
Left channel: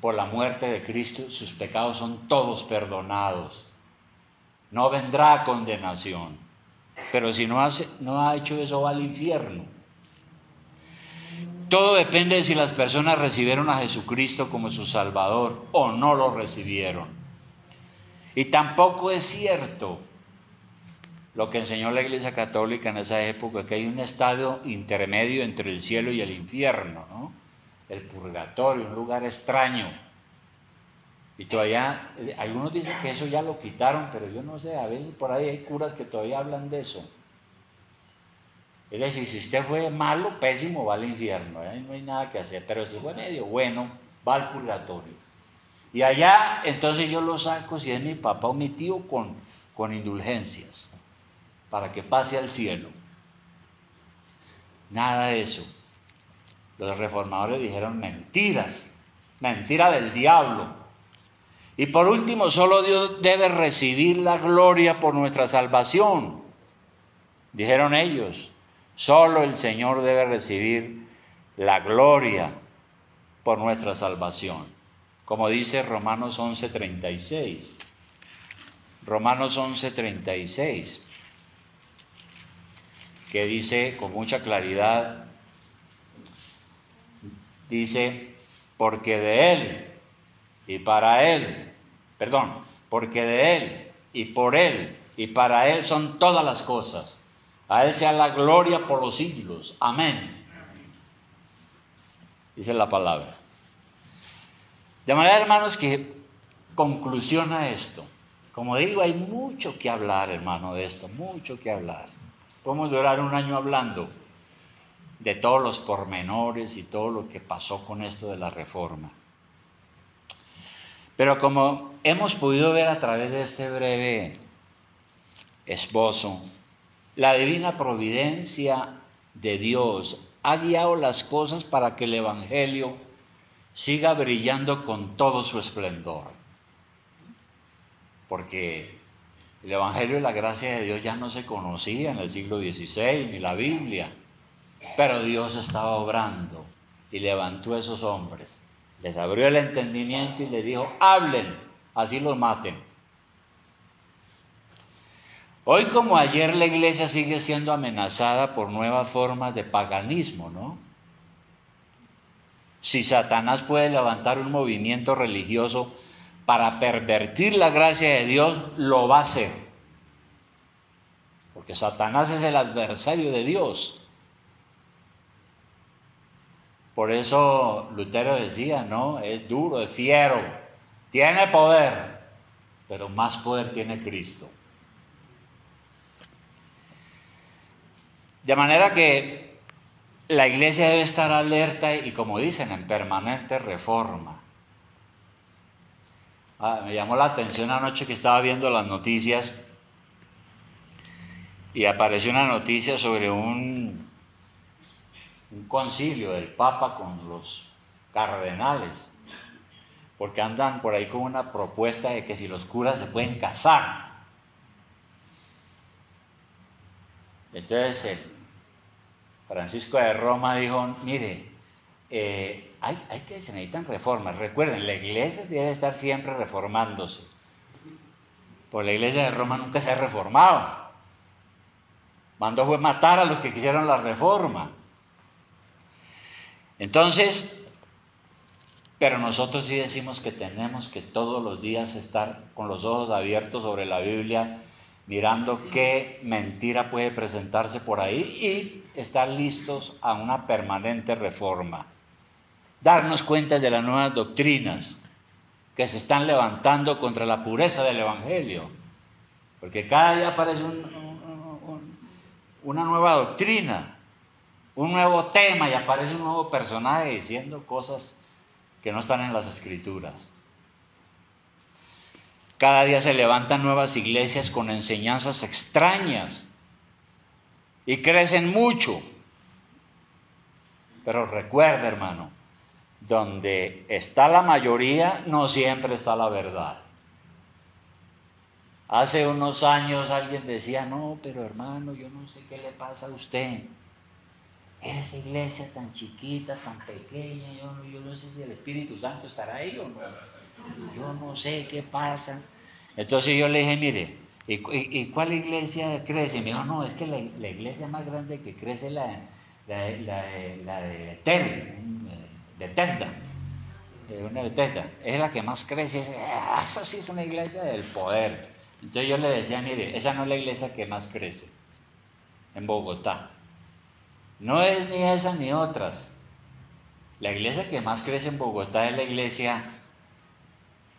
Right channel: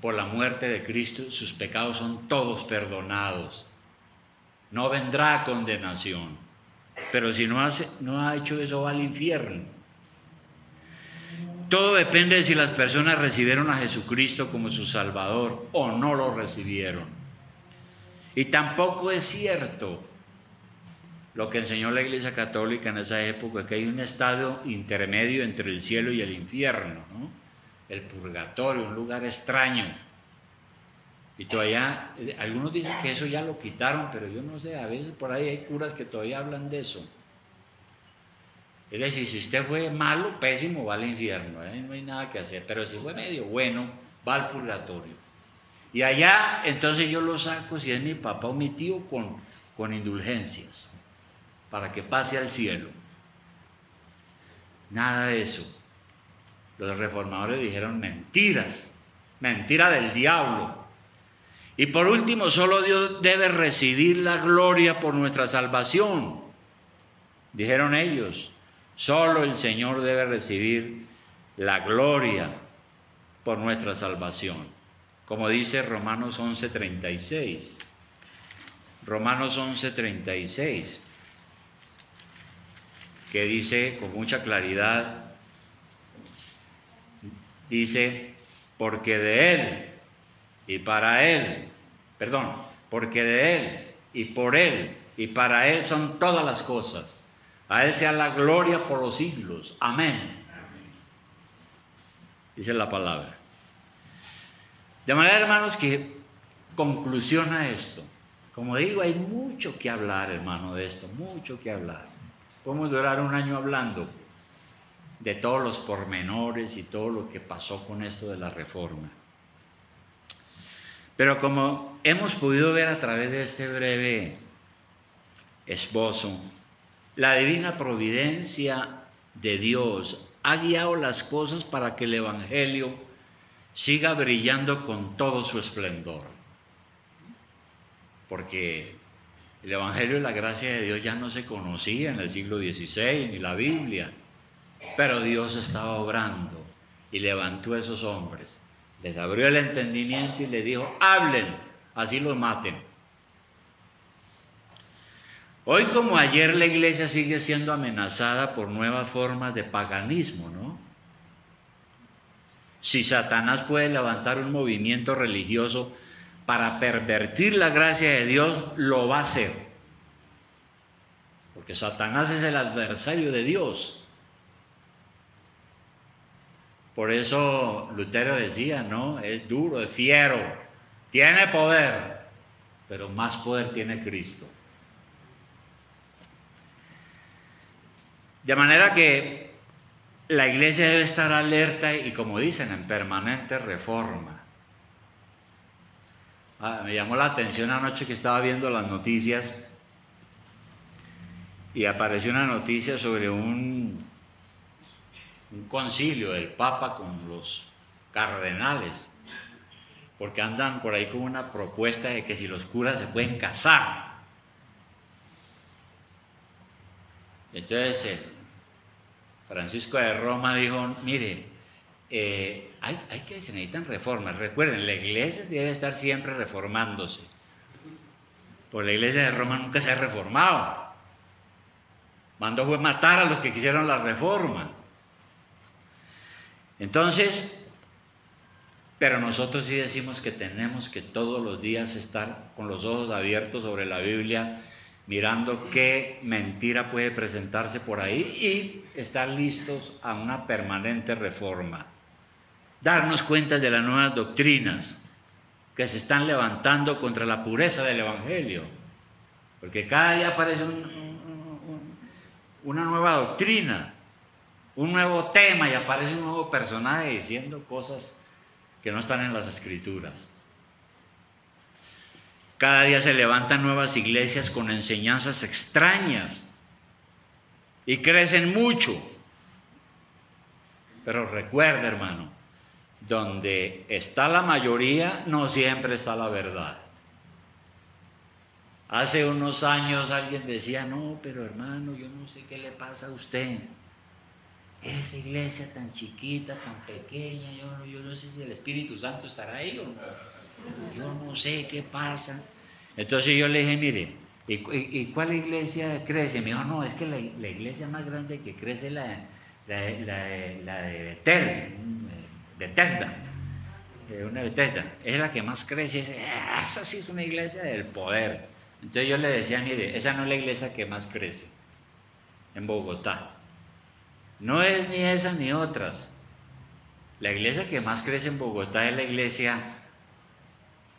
por la muerte de Cristo, sus pecados son todos perdonados. No vendrá condenación. Pero si no ha hecho eso, va al infierno. Todo depende de si las personas recibieron a Jesucristo como su Salvador o no lo recibieron. Y tampoco es cierto lo que enseñó la Iglesia Católica en esa época, que hay un estado intermedio entre el cielo y el infierno, ¿no? El purgatorio, un lugar extraño. Y todavía, algunos dicen que eso ya lo quitaron, pero yo no sé, a veces por ahí hay curas que todavía hablan de eso. Es decir, si usted fue malo, pésimo, va al infierno, ahí no hay nada que hacer, pero si fue medio bueno, va al purgatorio. Y allá, entonces yo lo saco, si es mi papá o mi tío, con indulgencias, para que pase al cielo. Nada de eso. Los reformadores dijeron mentiras, mentira del diablo. Y por último, solo Dios debe recibir la gloria por nuestra salvación. Dijeron ellos, solo el Señor debe recibir la gloria por nuestra salvación. Como dice Romanos 11:36. Romanos 11:36. Que dice con mucha claridad, dice, porque de Él y para Él, porque de Él y por Él y para Él son todas las cosas. A Él sea la gloria por los siglos. Amén. Dice la palabra. De manera, hermanos, que conclusión a esto. Como digo, hay mucho que hablar, hermano, de esto, mucho que hablar. Podemos durar un año hablando de todos los pormenores y todo lo que pasó con esto de la reforma. Pero como hemos podido ver a través de este breve esbozo, la divina providencia de Dios ha guiado las cosas para que el Evangelio siga brillando con todo su esplendor. Porque el Evangelio y la gracia de Dios ya no se conocía en el siglo XVI, ni la Biblia. Pero Dios estaba obrando y levantó a esos hombres. Les abrió el entendimiento y les dijo, hablen, así los maten. Hoy como ayer la iglesia sigue siendo amenazada por nuevas formas de paganismo, ¿no? Si Satanás puede levantar un movimiento religioso para pervertir la gracia de Dios, lo va a hacer. Porque Satanás es el adversario de Dios. Por eso Lutero decía, ¿no? Es duro, es fiero, tiene poder, pero más poder tiene Cristo. De manera que la iglesia debe estar alerta y, como dicen, en permanente reforma. Me llamó la atención anoche que estaba viendo las noticias y apareció una noticia sobre un concilio del Papa con los cardenales, porque andan por ahí con una propuesta de que si los curas se pueden casar. Entonces Francisco de Roma dijo, mire, se necesitan reformas. Recuerden, la iglesia debe estar siempre reformándose. Pues la iglesia de Roma nunca se ha reformado. Mandó fue matar a los que quisieron la reforma. Entonces, pero nosotros sí decimos que tenemos que todos los días estar con los ojos abiertos sobre la Biblia, mirando qué mentira puede presentarse por ahí y estar listos a una permanente reforma. Darnos cuenta de las nuevas doctrinas que se están levantando contra la pureza del Evangelio. Porque cada día aparece una nueva doctrina, un nuevo tema y aparece un nuevo personaje diciendo cosas que no están en las Escrituras. Cada día se levantan nuevas iglesias con enseñanzas extrañas y crecen mucho. Pero recuerda, hermano, donde está la mayoría, no siempre está la verdad. Hace unos años alguien decía, no, pero hermano, yo no sé qué le pasa a usted. Esa iglesia tan chiquita, tan pequeña, yo no sé si el Espíritu Santo estará ahí o no. Yo no sé qué pasa. Entonces yo le dije, mire, ¿y cuál iglesia crece? Me dijo, no, es que la iglesia más grande que crece es la de Bethesda. Una Bethesda. Es la que más crece. Esa sí es una iglesia del poder. Entonces yo le decía, mire, esa no es la iglesia que más crece en Bogotá. No es ni esa ni otras. La iglesia que más crece en Bogotá es la iglesia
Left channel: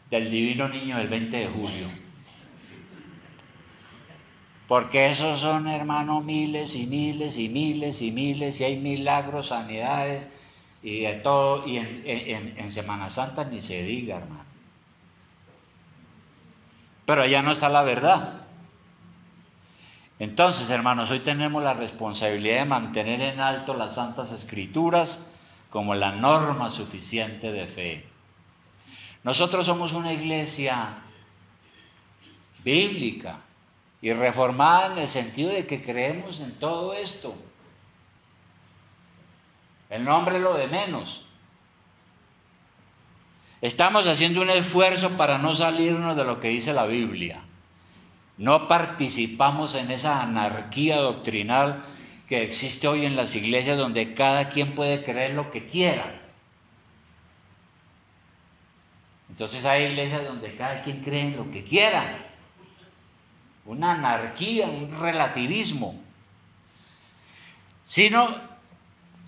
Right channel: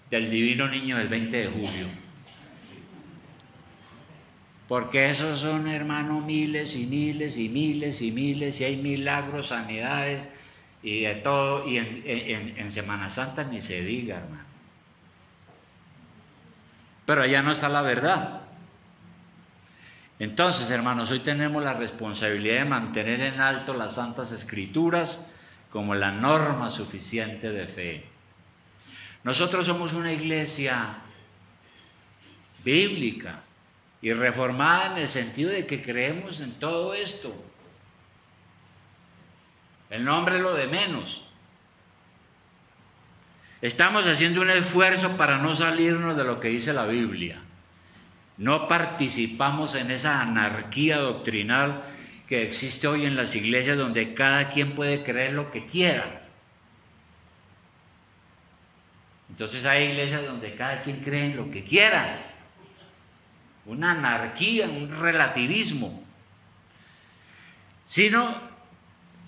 del Divino Niño del 20 de julio. Porque esos son, hermano, miles y miles y miles y miles, y hay milagros, sanidades y de todo. Y en Semana Santa ni se diga, hermano. Pero allá no está la verdad. Entonces, hermanos, hoy tenemos la responsabilidad de mantener en alto las Santas Escrituras como la norma suficiente de fe. Nosotros somos una iglesia bíblica y reformada en el sentido de que creemos en todo esto. El nombre es lo de menos. Estamos haciendo un esfuerzo para no salirnos de lo que dice la Biblia. No participamos en esa anarquía doctrinal que existe hoy en las iglesias, donde cada quien puede creer lo que quiera. Entonces hay iglesias donde cada quien cree en lo que quiera. Una anarquía, un relativismo. Sino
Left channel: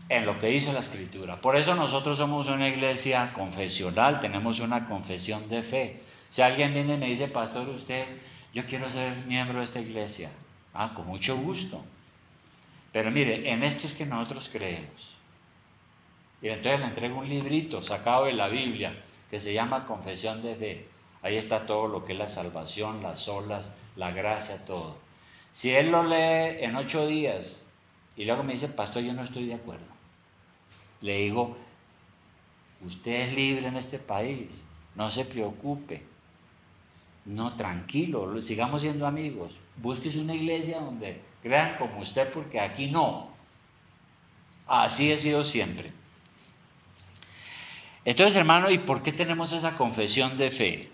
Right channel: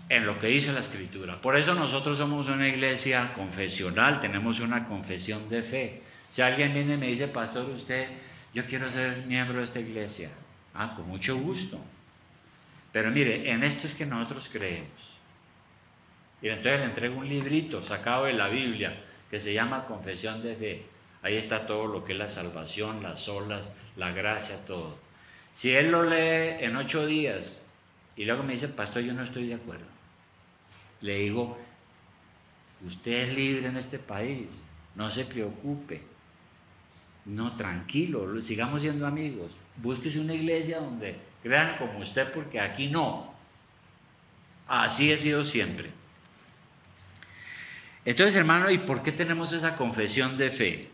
en lo que dice la Escritura. Por eso nosotros somos una iglesia confesional, tenemos una confesión de fe. Si alguien viene y me dice, pastor, yo quiero ser miembro de esta iglesia. Con mucho gusto. Pero mire, en esto es que nosotros creemos. Y entonces le entrego un librito sacado de la Biblia que se llama Confesión de Fe. Ahí está todo lo que es la salvación, las olas, la gracia, todo. Si él lo lee en 8 días y luego me dice, pastor, yo no estoy de acuerdo, le digo, usted es libre en este país, no se preocupe, no, tranquilo, sigamos siendo amigos, búsquese una iglesia donde crean como usted, porque aquí no. Así he sido siempre. Entonces, hermano, ¿y por qué tenemos esa confesión de fe?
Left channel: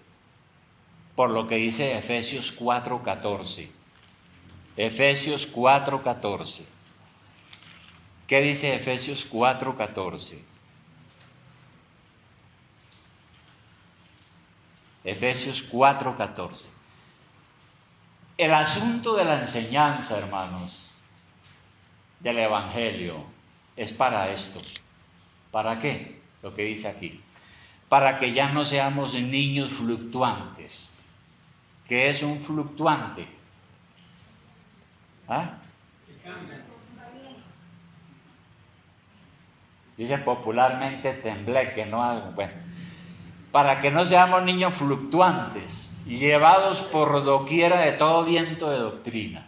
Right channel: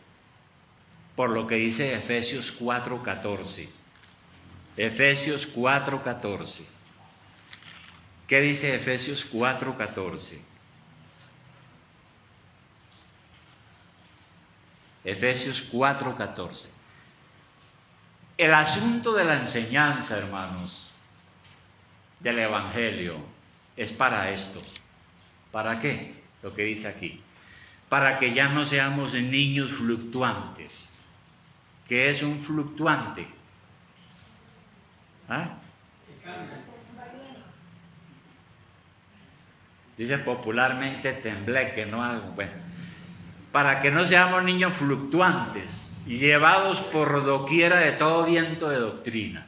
Por lo que dice Efesios 4:14. Efesios 4:14. ¿Qué dice Efesios 4:14? Efesios 4:14. El asunto de la enseñanza, hermanos, del Evangelio, es para esto. ¿Para qué? Lo que dice aquí. Para que ya no seamos niños fluctuantes. ¿Qué es un fluctuante? Dice popularmente tembleque, no algo. Bueno, para que no seamos niños fluctuantes, llevados por doquiera de todo viento de doctrina.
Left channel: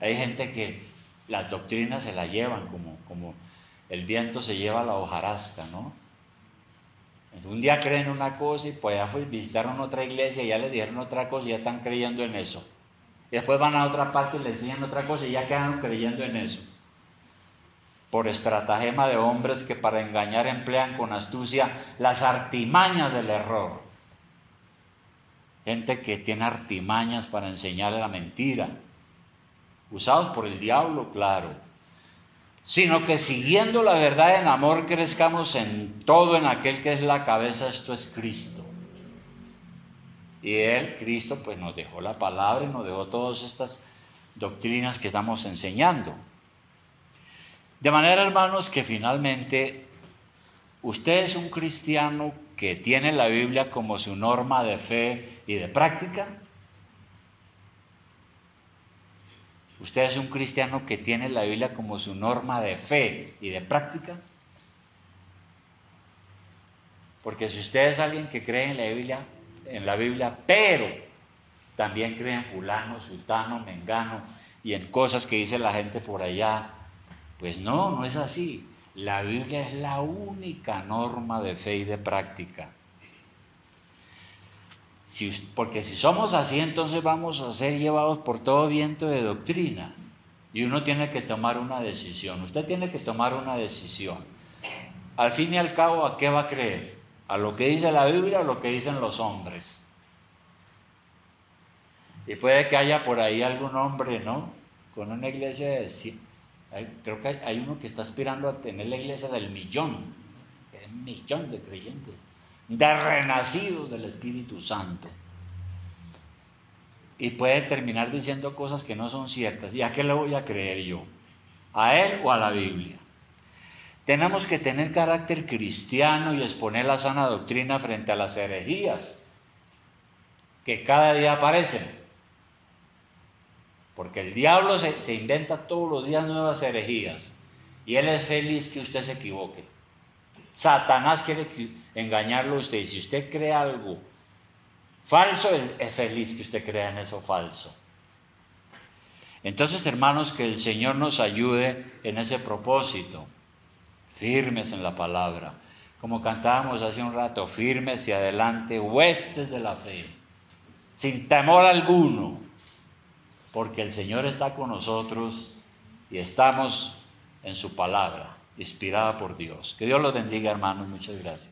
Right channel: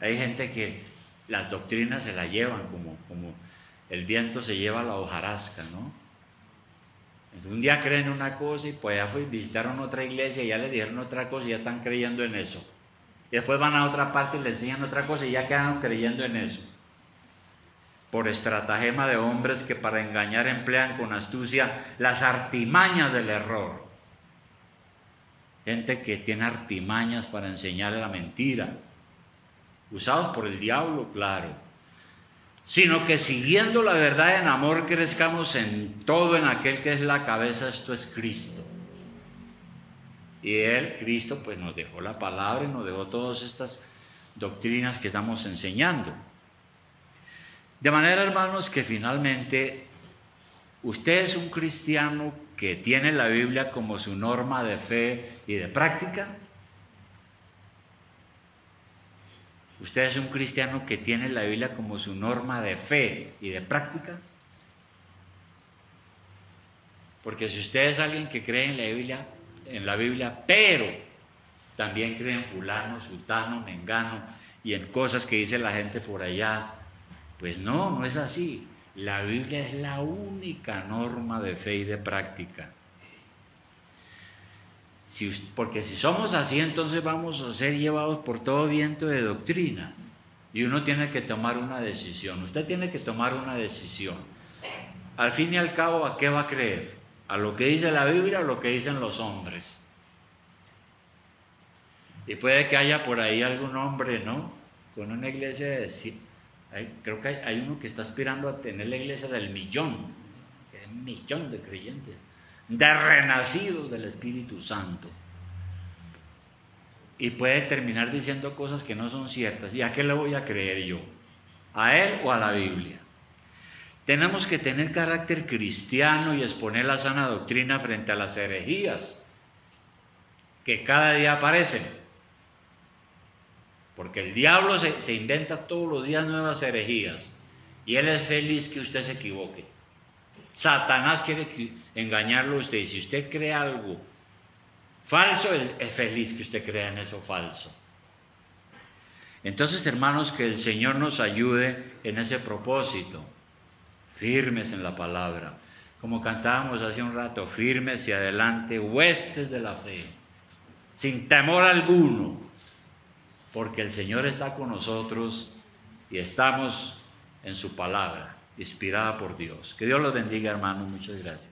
Hay gente que las doctrinas se las llevan como el viento se lleva la hojarasca, ¿no? Un día creen una cosa y pues ya visitaron otra iglesia y ya le dijeron otra cosa y ya están creyendo en eso. Y después van a otra parte y les enseñan otra cosa y ya quedan creyendo en eso. Por estratagema de hombres que para engañar emplean con astucia las artimañas del error. Gente que tiene artimañas para enseñar la mentira. Usados por el diablo, claro. Sino que siguiendo la verdad en amor crezcamos en todo en aquel que es la cabeza, esto es Cristo. Y Él, Cristo, pues nos dejó la palabra y nos dejó todas estas doctrinas que estamos enseñando. De manera, hermanos, que finalmente usted es un cristiano que tiene la Biblia como su norma de fe y de práctica. ¿Usted es un cristiano que tiene la Biblia como su norma de fe y de práctica? Porque si usted es alguien que cree en la Biblia, pero también cree en fulano, sutano, mengano y en cosas que dice la gente por allá, pues no es así. La Biblia es la única norma de fe y de práctica. Porque si somos así, entonces vamos a ser llevados por todo viento de doctrina. Y uno tiene que tomar una decisión. Usted tiene que tomar una decisión. Al fin y al cabo, ¿a qué va a creer? ¿A lo que dice la Biblia o a lo que dicen los hombres? Y puede que haya por ahí algún hombre, ¿no? Con una iglesia de... creo que hay uno que está aspirando a tener la iglesia del millón. 1 millón de creyentes, de renacidos del Espíritu Santo. Y puede terminar diciendo cosas que no son ciertas. ¿Y a qué le voy a creer yo? ¿A él o a la Biblia? Tenemos que tener carácter cristiano y exponer la sana doctrina frente a las herejías que cada día aparecen. Porque el diablo se inventa todos los días nuevas herejías y él es feliz que usted se equivoque. Satanás quiere engañarlo a usted, y si usted cree algo falso, él es feliz que usted crea en eso falso. Entonces, hermanos, que el Señor nos ayude en ese propósito. Firmes en la palabra, como cantábamos hace un rato, firmes y adelante, huestes de la fe, sin temor alguno, porque el Señor está con nosotros y estamos en su palabra, inspirada por Dios. Que Dios los bendiga, hermanos. Muchas gracias.